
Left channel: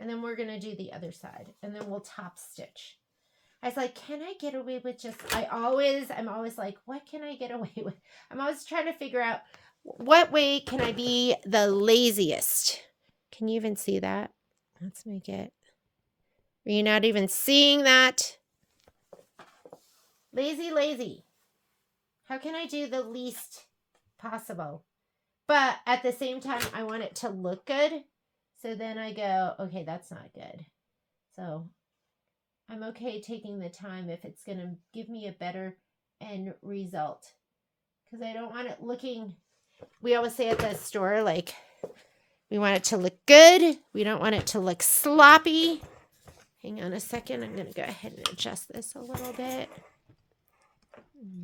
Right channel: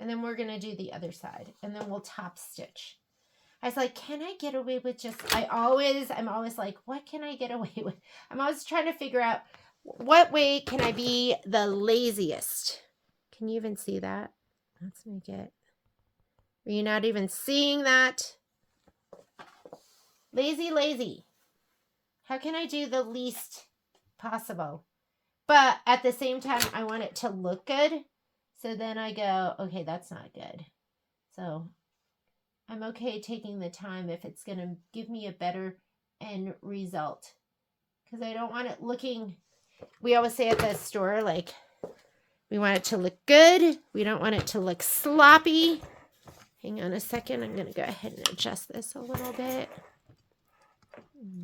And then we're going to do the other side. And then we'll top stitch. I was like, can I get away with just, I'm always like, what can I get away with? I'm always trying to figure out what way can I be the laziest. Can you even see that? Let's make it. Are you not even seeing that? Lazy, lazy. How can I do the least possible? But at the same time, I want it to look good. So then I go, okay, that's not good. So I'm okay taking the time if it's going to give me a better end result. Because I don't want it looking, we always say at the store, like, we want it to look good. We don't want it to look sloppy. Hang on a second. I'm going to go ahead and adjust this a little bit.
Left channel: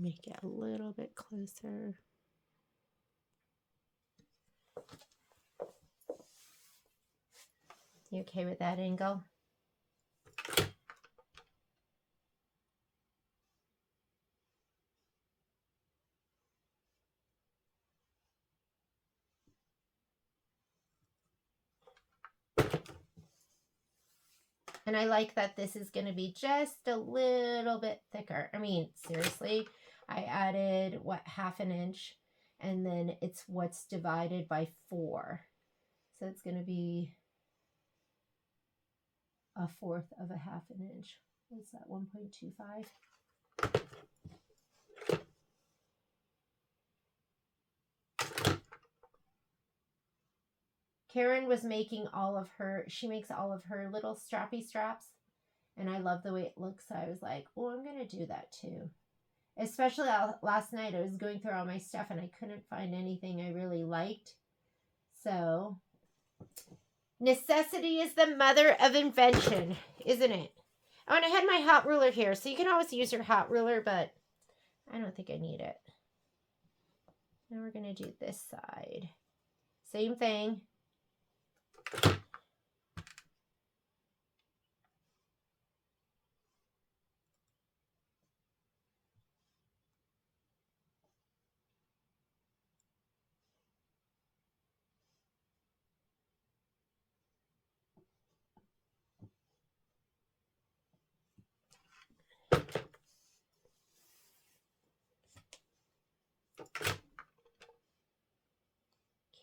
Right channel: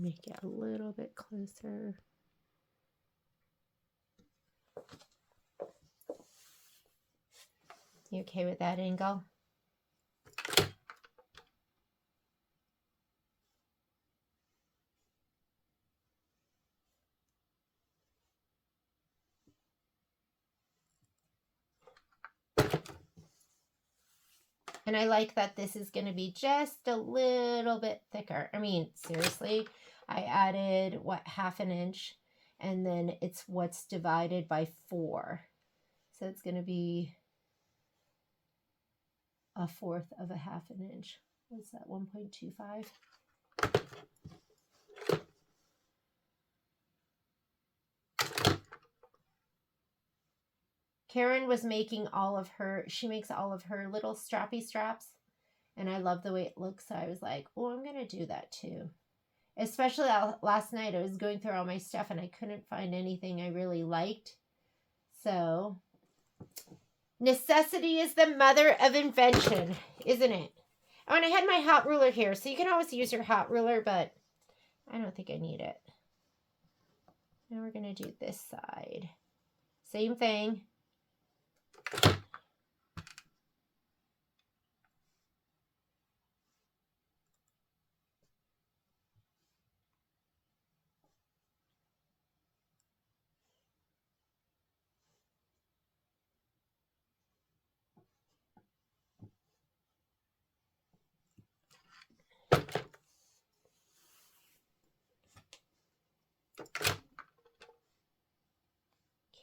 Make it a little bit closer. You okay with that angle? And I like that this is going to be just a little bit thicker. I mean, seriously, I added, what, 1/2 inch? And then it's what's divided by 4. So it's going to be 1/4 of 1/2 inch. What's that, 1.25? Karen was making she makes all of her little strappy straps. And I love the way it looks. So I was like, oh, I'm going to do that too. Especially last night, I was going through all my stuff and I couldn't find anything I really liked. So necessity is the mother of invention, isn't it? Oh, and I had my hot ruler here. So you can always use your hot ruler, but I don't think I need it. Now we're going to do this side. Same thing.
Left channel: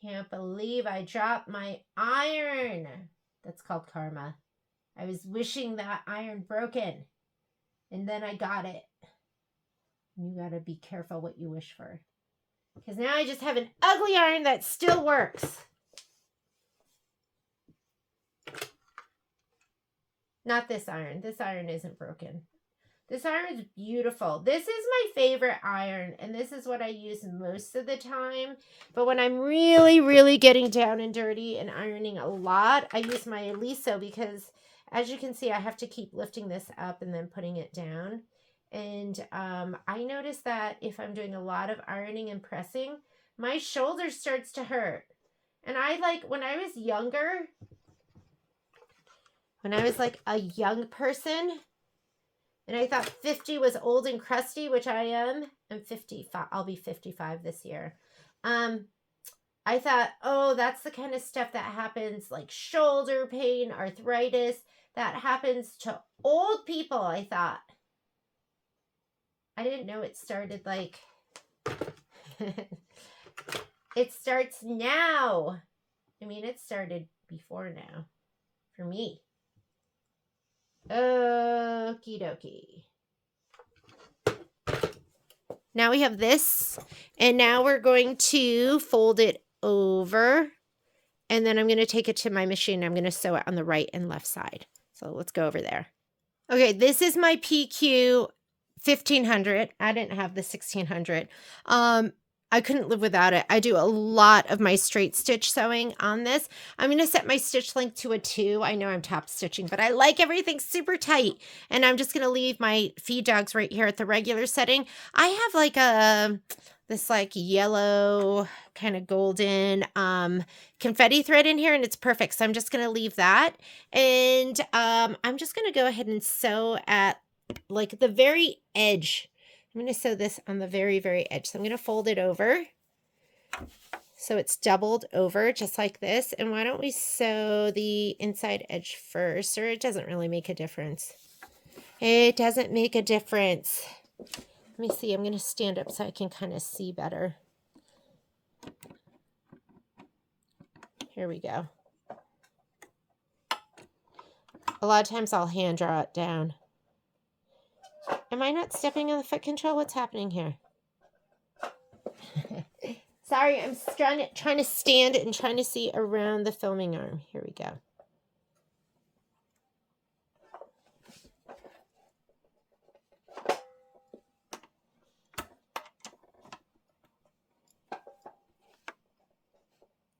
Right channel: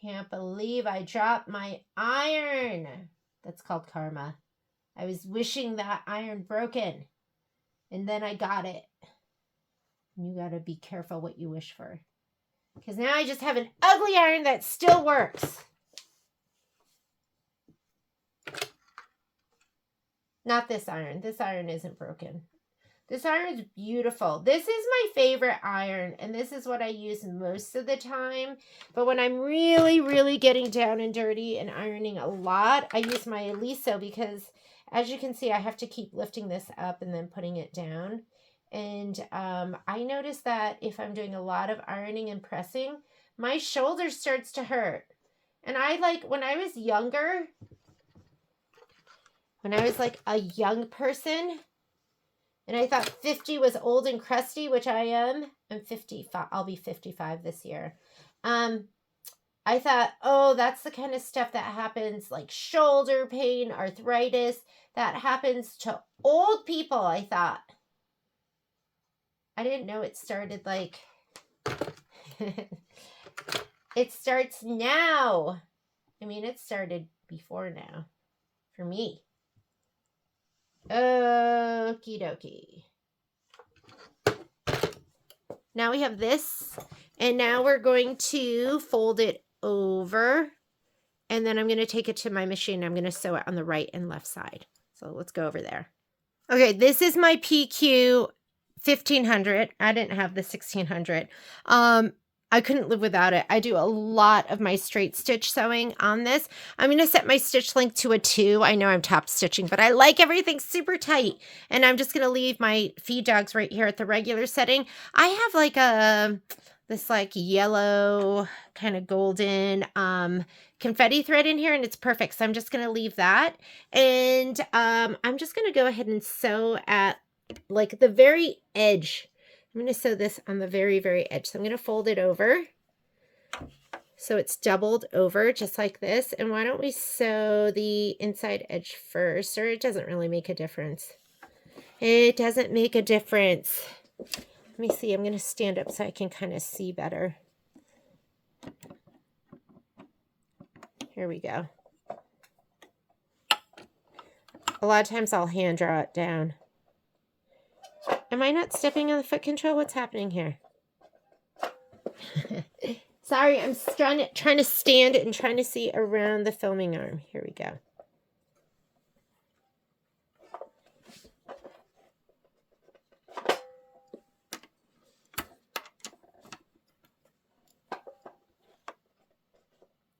Can't believe I dropped my iron. That's called karma. I was wishing that iron broken. And then I got it. You got to be careful what you wish for. Because now I just have an ugly iron that still works. Not this iron. This iron isn't broken. This iron is beautiful. This is my favorite iron, and this is what I use most of the time. But when I'm really, really getting down and dirty and ironing a lot, I use my Eliso because, as you can see, I have to keep lifting this up and then putting it down. And I notice that if I'm doing a lot of ironing and pressing, my shoulder starts to hurt. And when I was younger, when I was like a young person, and I thought 50 was old and crusty, which I am. I'm 55. I'll be 55 this year. I thought, oh, that's the kind of stuff that happens, like shoulder pain, arthritis. That happens to old people, I thought. I didn't know it started like, it starts now. I mean, it started before now for me. Okie dokie. Now we have this, and now we're going to fold it over, and then I'm going to take it to my machine. I'm going to sew it on the right and left side. So let's go over there. Okay, this is my PQ 1500. I didn't have the 1600. I couldn't live without it. I do a lot of my straight stitch sewing on this. I'm going to set my stitch length to a 2. I know I'm top stitching, but I like everything super tight. And I'm just going to leave my feed dogs right here at the regular setting. I have like this like yellow kind of golden confetti thread in here, and it's perfect. So I'm just going to leave that. And I'm just going to go ahead and sew at like the very edge. I'm going to sew this on the very, very edge. So I'm going to fold it over so it's doubled over just like this. And why don't we sew the inside edge first? Or it doesn't really make a difference. It doesn't make a difference. Let me see. I'm going to stand up so I can kind of see better. Here we go. A lot of times I'll hand draw it down. Am I not stepping on the foot control? What's happening here? Sorry, I'm trying to stand and trying to see around the filming arm. Here we go.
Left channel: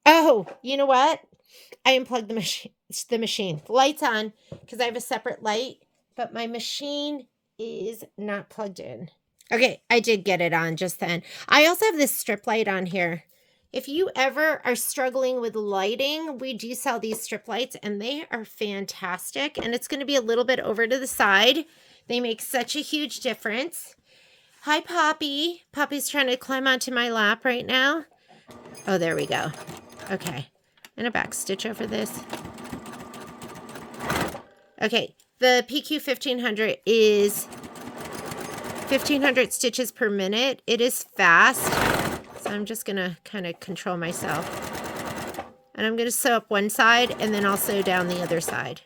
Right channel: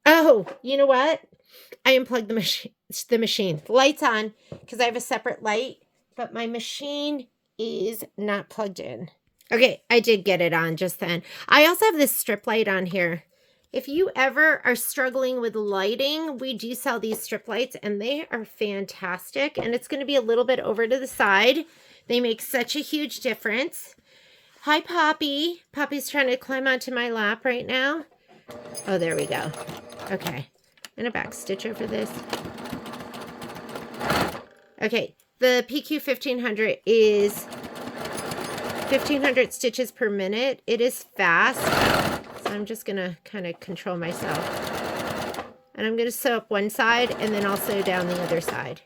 Oh, you know what? I unplugged the machine. The light's on because I have a separate light, but my machine is not plugged in. Okay, I did get it on just then. I also have this strip light on here. If you ever are struggling with lighting, we do sell these strip lights, and they are fantastic. And it's going to be a little bit over to the side. They make such a huge difference. Hi, Poppy. Poppy's trying to climb onto my lap right now. Oh, there we go. Okay, I'm going to back stitch over this. Okay, the PQ 1500 is 1500 stitches per minute. It is fast, so I'm just going to kind of control myself. And I'm going to sew up one side, and then I'll sew down the other side.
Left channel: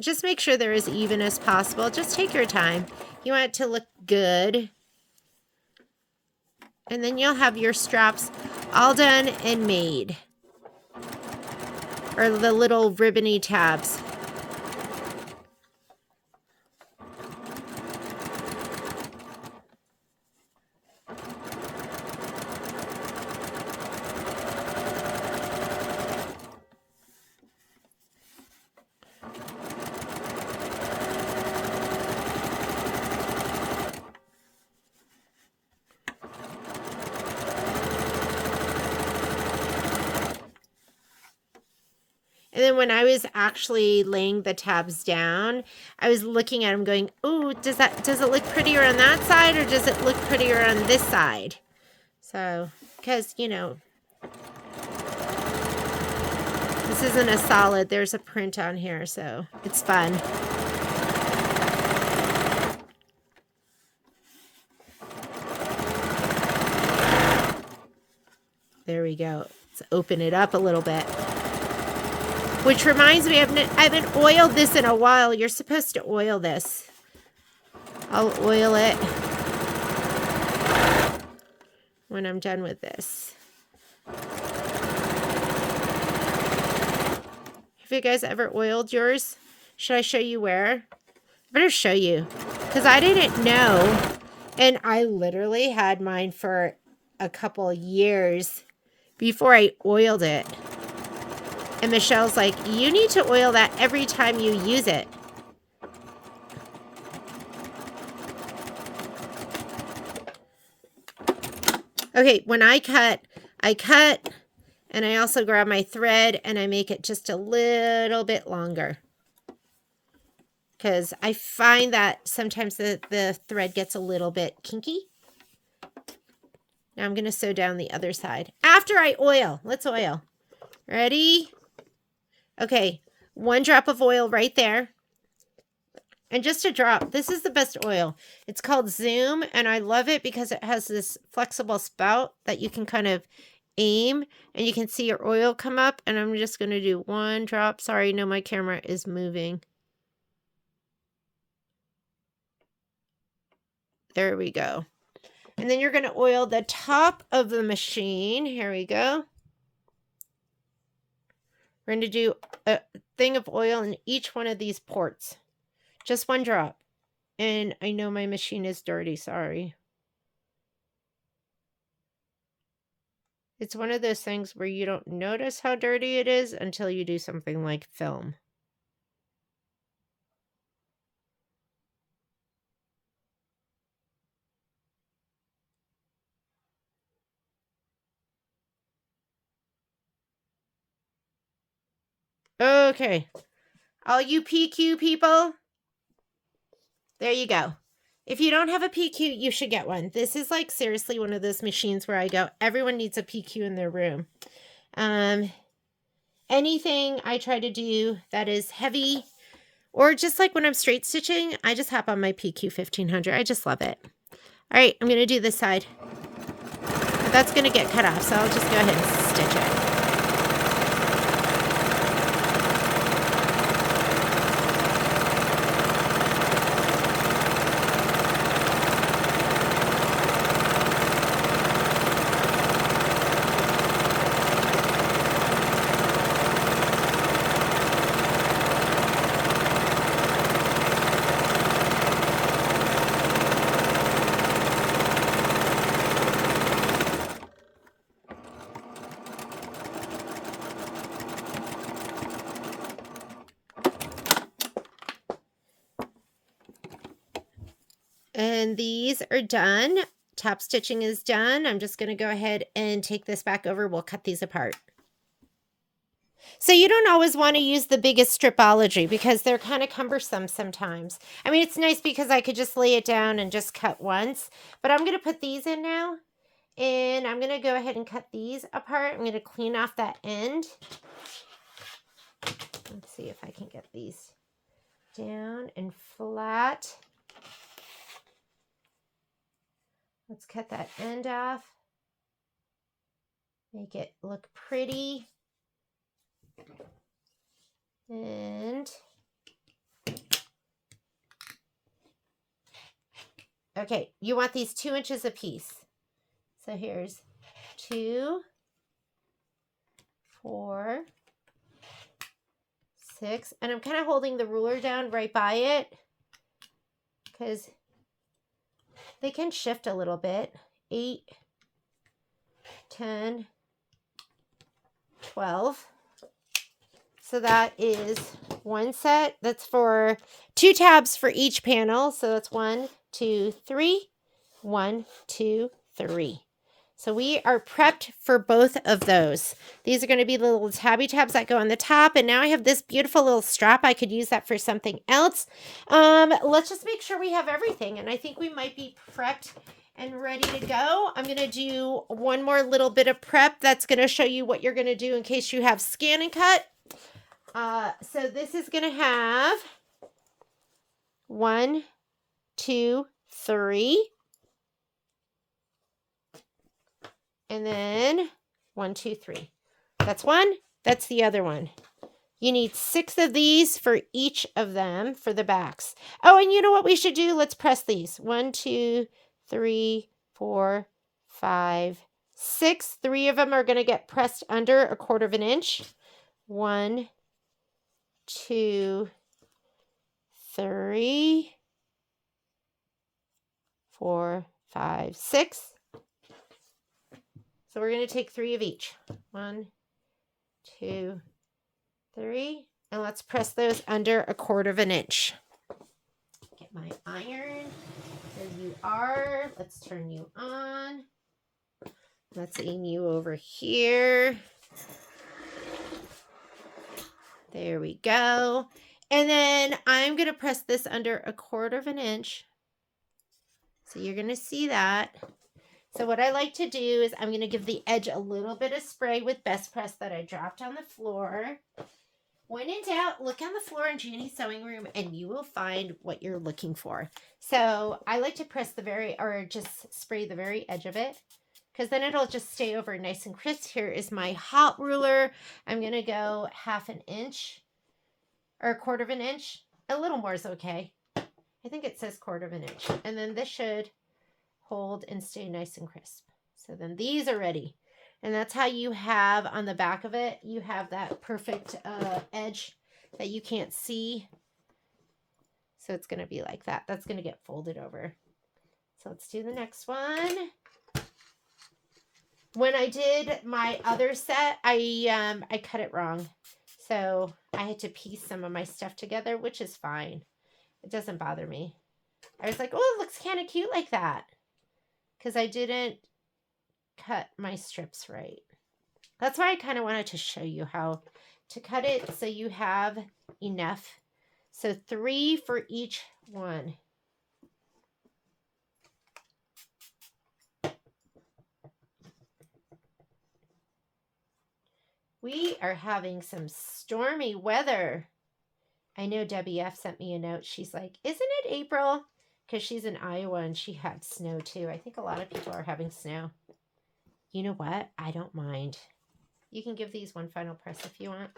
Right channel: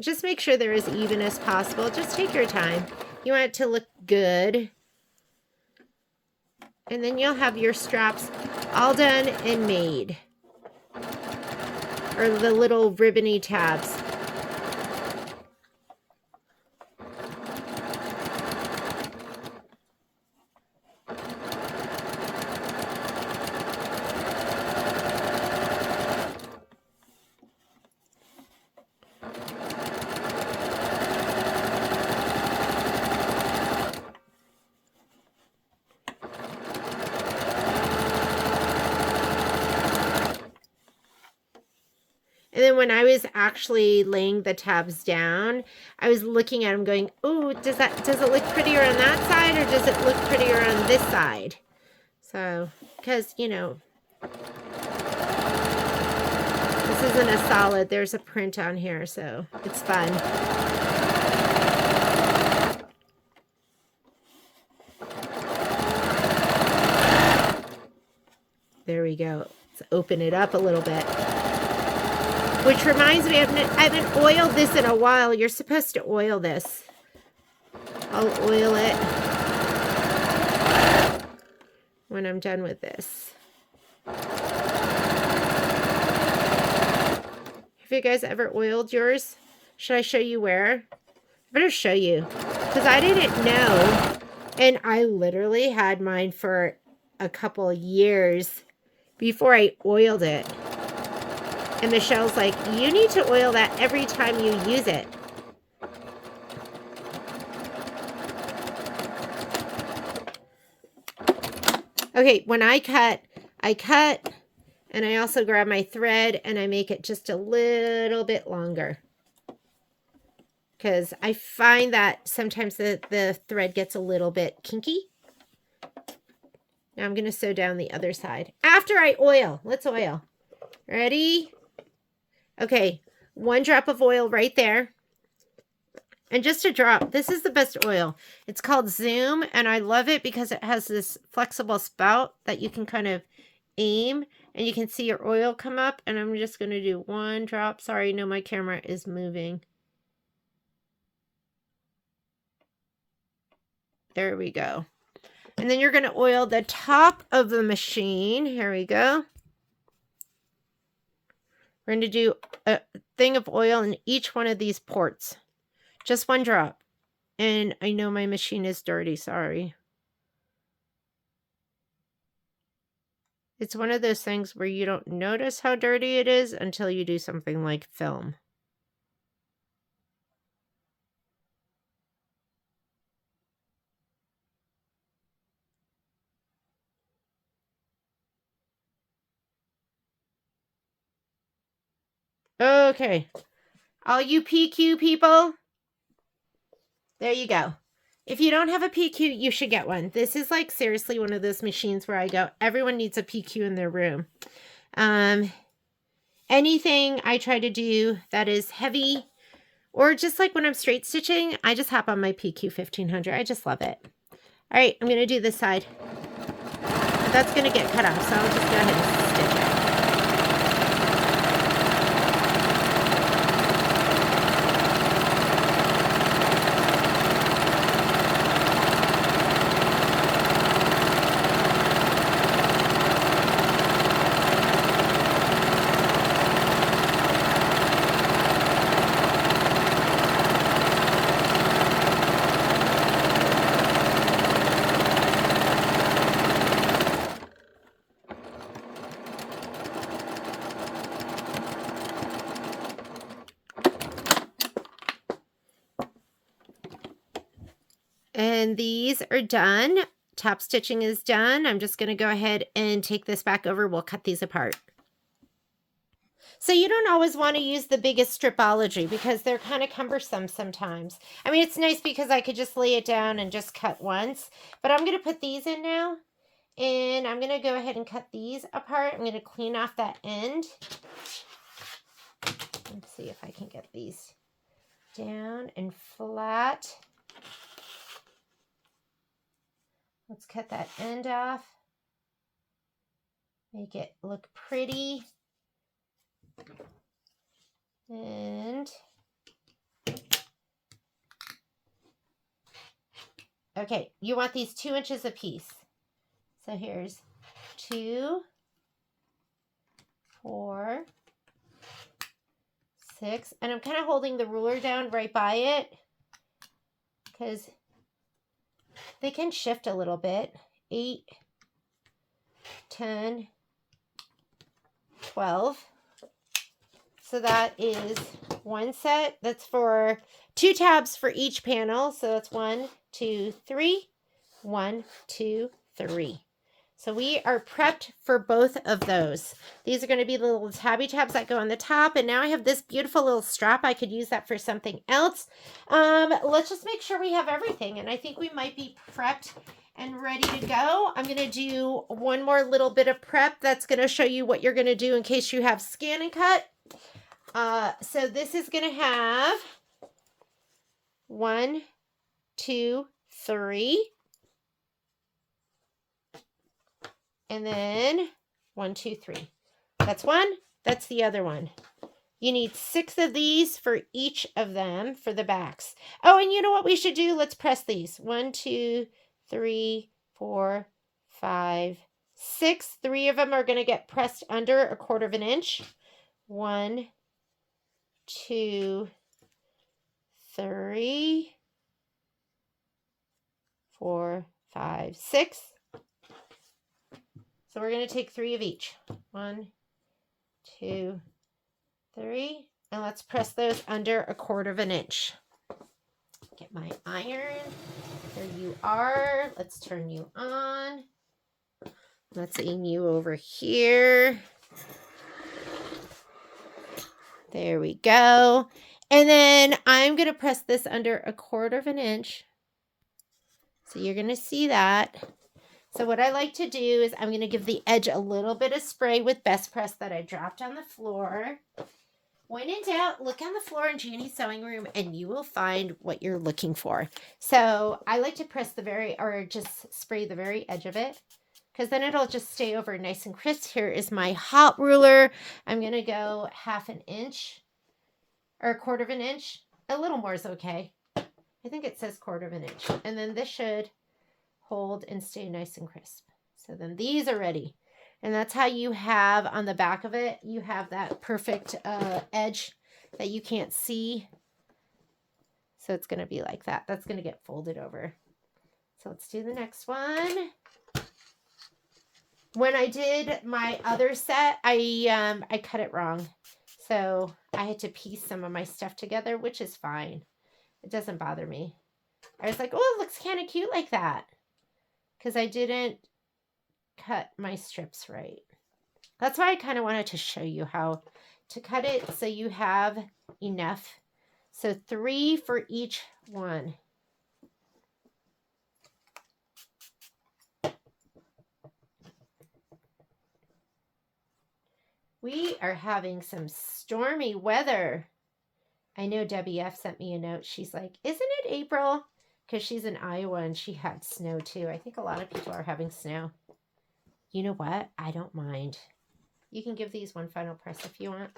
Just make sure they're as even as possible. Just take your time. You want it to look good. And then you'll have your straps all done and made. Or the little ribbony tabs. And then when I was actually laying the tabs down, I was looking at them going, "Ooh, does it look prettier on that side, or does it look prettier on this side?" So, because, you know, this isn't a solid. There's a print on here, so it's fun. There we go. Let's open it up a little bit. Which reminds me, I haven't oiled this in a while. You're supposed to oil this. I'll oil it when I'm done with this. Have you guys ever oiled yours? Should I show you where? I better show you, because I didn't know. And I literally had mine for a couple years before I oiled it. And Michelle's like, "You need to oil that every time you use it." Okay, when I cut, and I also grab my thread and I make it just a little bit longer. Because I find that sometimes the thread gets a little bit kinky. Now I'm going to sew down the other side. After I oil, let's oil. Ready? Okay, 1 drop of oil right there. And just a drop. This is the best oil. It's called Zoom, and I love it because it has this flexible spout that you can kind of aim, and you can see your oil come up. And I'm just going to do 1 drop. Sorry, no, my camera is moving. There we go. And then you're going to oil the top of the machine. Here we go. We're going to do a thing of oil in each one of these ports. Just 1 drop. And I know my machine is dirty, sorry. It's one of those things where you don't notice how dirty it is until you do something like film. Okay. All you PQ people, there you go. If you don't have a PQ, you should get one. This is like seriously one of those machines where I go, everyone needs a PQ in their room. Anything I try to do that is heavy, or just like when I'm straight stitching, I just hop on my PQ 1500. I just love it. All right, I'm going to do this side. That's going to get cut off, so I'll just go ahead and stitch it. And these are done. Top stitching is done. I'm just going to go ahead and take this back over. We'll cut these apart. So you don't always want to use the biggest stripology because they're kind of cumbersome sometimes. I mean, it's nice because I could just lay it down and just cut once. But I'm going to put these in now. And I'm going to go ahead and cut these apart. I'm going to clean off that end. Let's see if I can get these down and flat. Let's cut that end off. Make it look pretty. And okay, you want these 2 inches a piece. So here's 2, 4, 6, and I'm kind of holding the ruler down right by it because they can shift a little bit. 8, 10, 12. So that is 1 set. That's for 2 tabs for each panel. So that's 1, 2, 3. 1, 2, 3. So we are prepped for both of those. These are going to be the little tabby tabs that go on the top. And now I have this beautiful little strap. I could use that for something else. Let's just make sure we have everything. And I think we might be prepped and ready to go. I'm going to do one more little bit of prep that's going to show you what you're going to do in case you have scan and cut. So this is going to have 1, 2, 3. And then 1, 2, 3. That's one. That's the other one. You need 6 of these for each of them for the backs. Oh, and you know what we should do? Let's press these. 1, 2, 3, 4, 5, 6. 3 of them are going to get pressed under 1/4 inch. 1, 2, 3, 4, 5, 6. So we're going to take 3 of each. 1, 2, 3. And let's press those under 1/4 inch. Get my iron. There you are. Let's turn you on. Let's aim you over here. There we go. And then I'm going to press this under 1/4 inch. So you're going to see that. So what I like to do is I'm going to give the edge a little bit of spray with Best Press that I dropped on the floor. When in doubt, look on the floor in Janie's sewing room and you will find what you're looking for. So I like to press the very, or just spray the very edge of it, because then it'll just stay over nice and crisp. Here is my hot ruler. I'm going to go 1/2 inch or 1/4 inch. A little more is okay. I think it says 1/4 inch. And then this should hold and stay nice and crisp. So then these are ready. And that's how you have on the back of it, you have that perfect edge that you can't see. So it's going to be like that. That's going to get folded over. So let's do the next one. When I did my other set, I cut it wrong. So I had to piece some of my stuff together, which is fine. It doesn't bother me. I was like, oh, it looks kind of cute like that. Because I didn't cut my strips right. That's why I kind of wanted to show you how to cut it so you have enough. So 3 for each one. We are having some stormy weather. I know WF sent me a note. She's like, isn't it April? Because she's in Iowa and she had snow too. I think a lot of people are having snow. You know what? I don't mind. You can give these one final press if you want.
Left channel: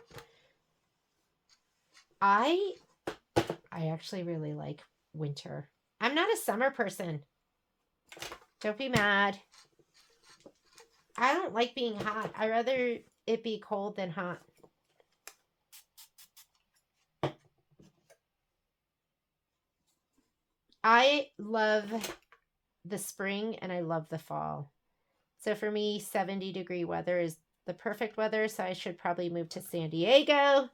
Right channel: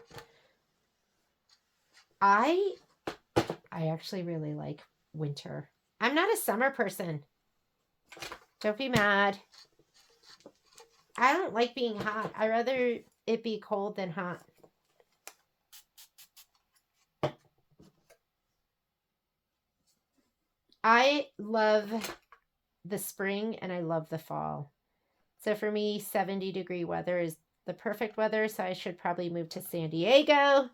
I actually really like winter. I'm not a summer person. Don't be mad. I don't like being hot. I'd rather it be cold than hot. I love the spring and I love the fall. So for me, 70-degree weather is the perfect weather. So I should probably move to San Diego.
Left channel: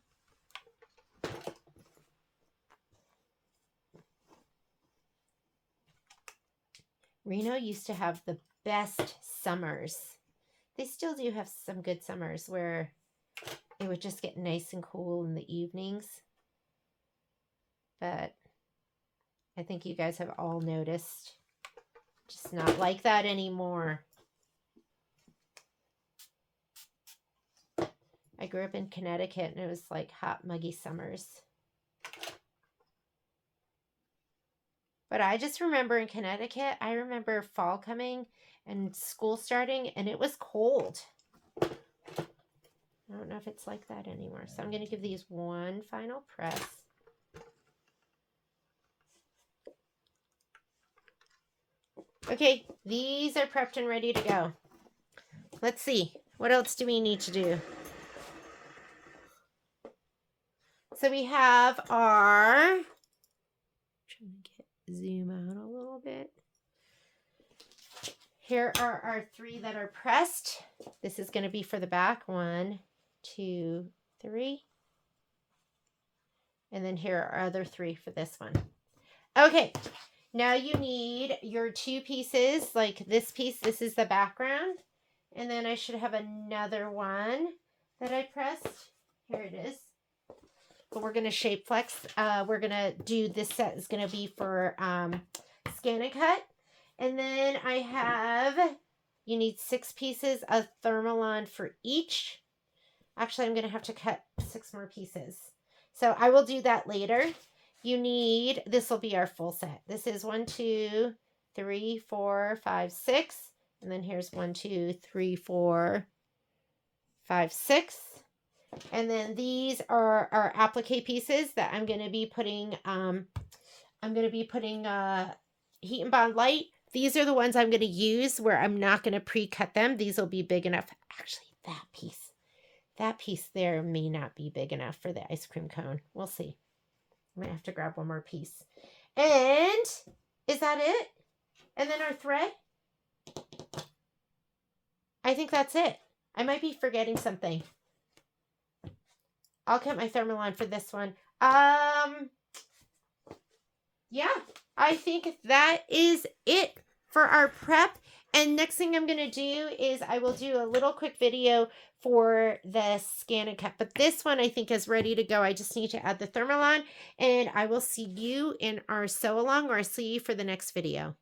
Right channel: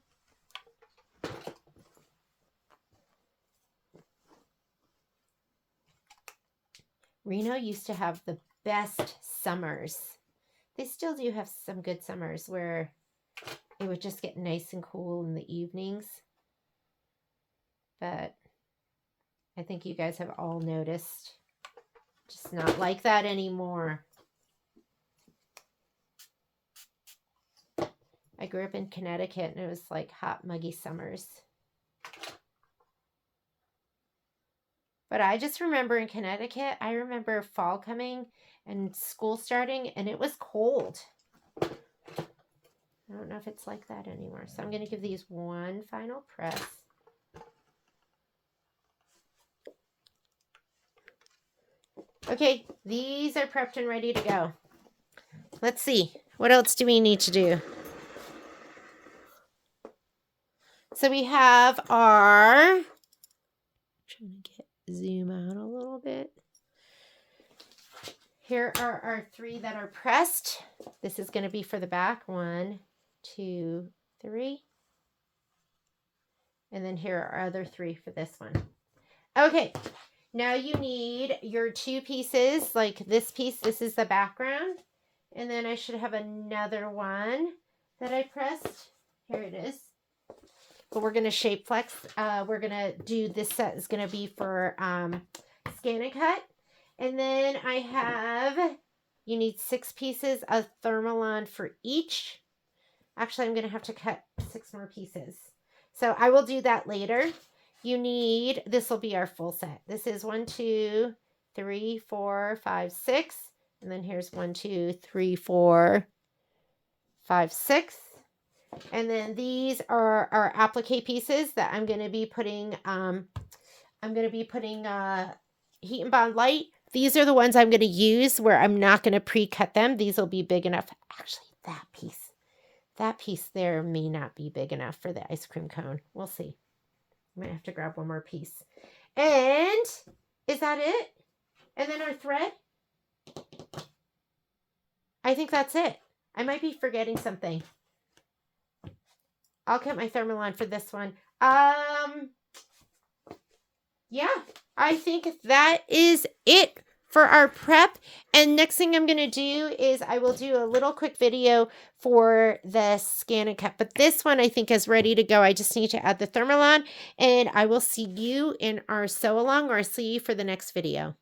Reno used to have the best summers. They still do have some good summers where it would just get nice and cool in the evenings. But I think you guys have all noticed. Just not like that anymore. I grew up in Connecticut and it was like hot, muggy summers. But I just remember in Connecticut, I remember fall coming and school starting and it was cold. I don't know if it's like that anymore. So I'm going to give these one final press. Okay, these are prepped and ready to go. Let's see. What else do we need to do? So we have our, trying to zoom out a little bit. Here are our 3 that are pressed. This is going to be for the back. 1, 2, 3. And then here are our other 3 for this one. Okay, now you need your 2 pieces, like this piece. This is the background. And then I should have another one that I pressed. Here it is. But we're going to shape flex. We're going to do, this set is going to be for scan and cut. And then I have, you need 6 pieces of thermalon for each. Actually, I'm going to have to cut 6 more pieces. So I will do that later. You need, this will be our full set. This is 1, 2, 3, 4, 5, 6. And then here's 1, 2, 3, 4, 5, 6. And then these are our applique pieces that I'm going to be putting, Heat and Bond Light. These are the ones I'm going to use where I'm not going to pre-cut them. These will be big enough. Actually, that piece there may not be big enough for the ice cream cone. We'll see. I might have to grab one more piece. And is that it? And then our thread? I think that's it. I might be forgetting something. I'll cut my thermalon for this one. Yeah, I think that is it for our prep. And next thing I'm going to do is I will do a little quick video for the scan and cut. But this one I think is ready to go. I just need to add the thermalon and I will see you in our sew along, or see you for the next video.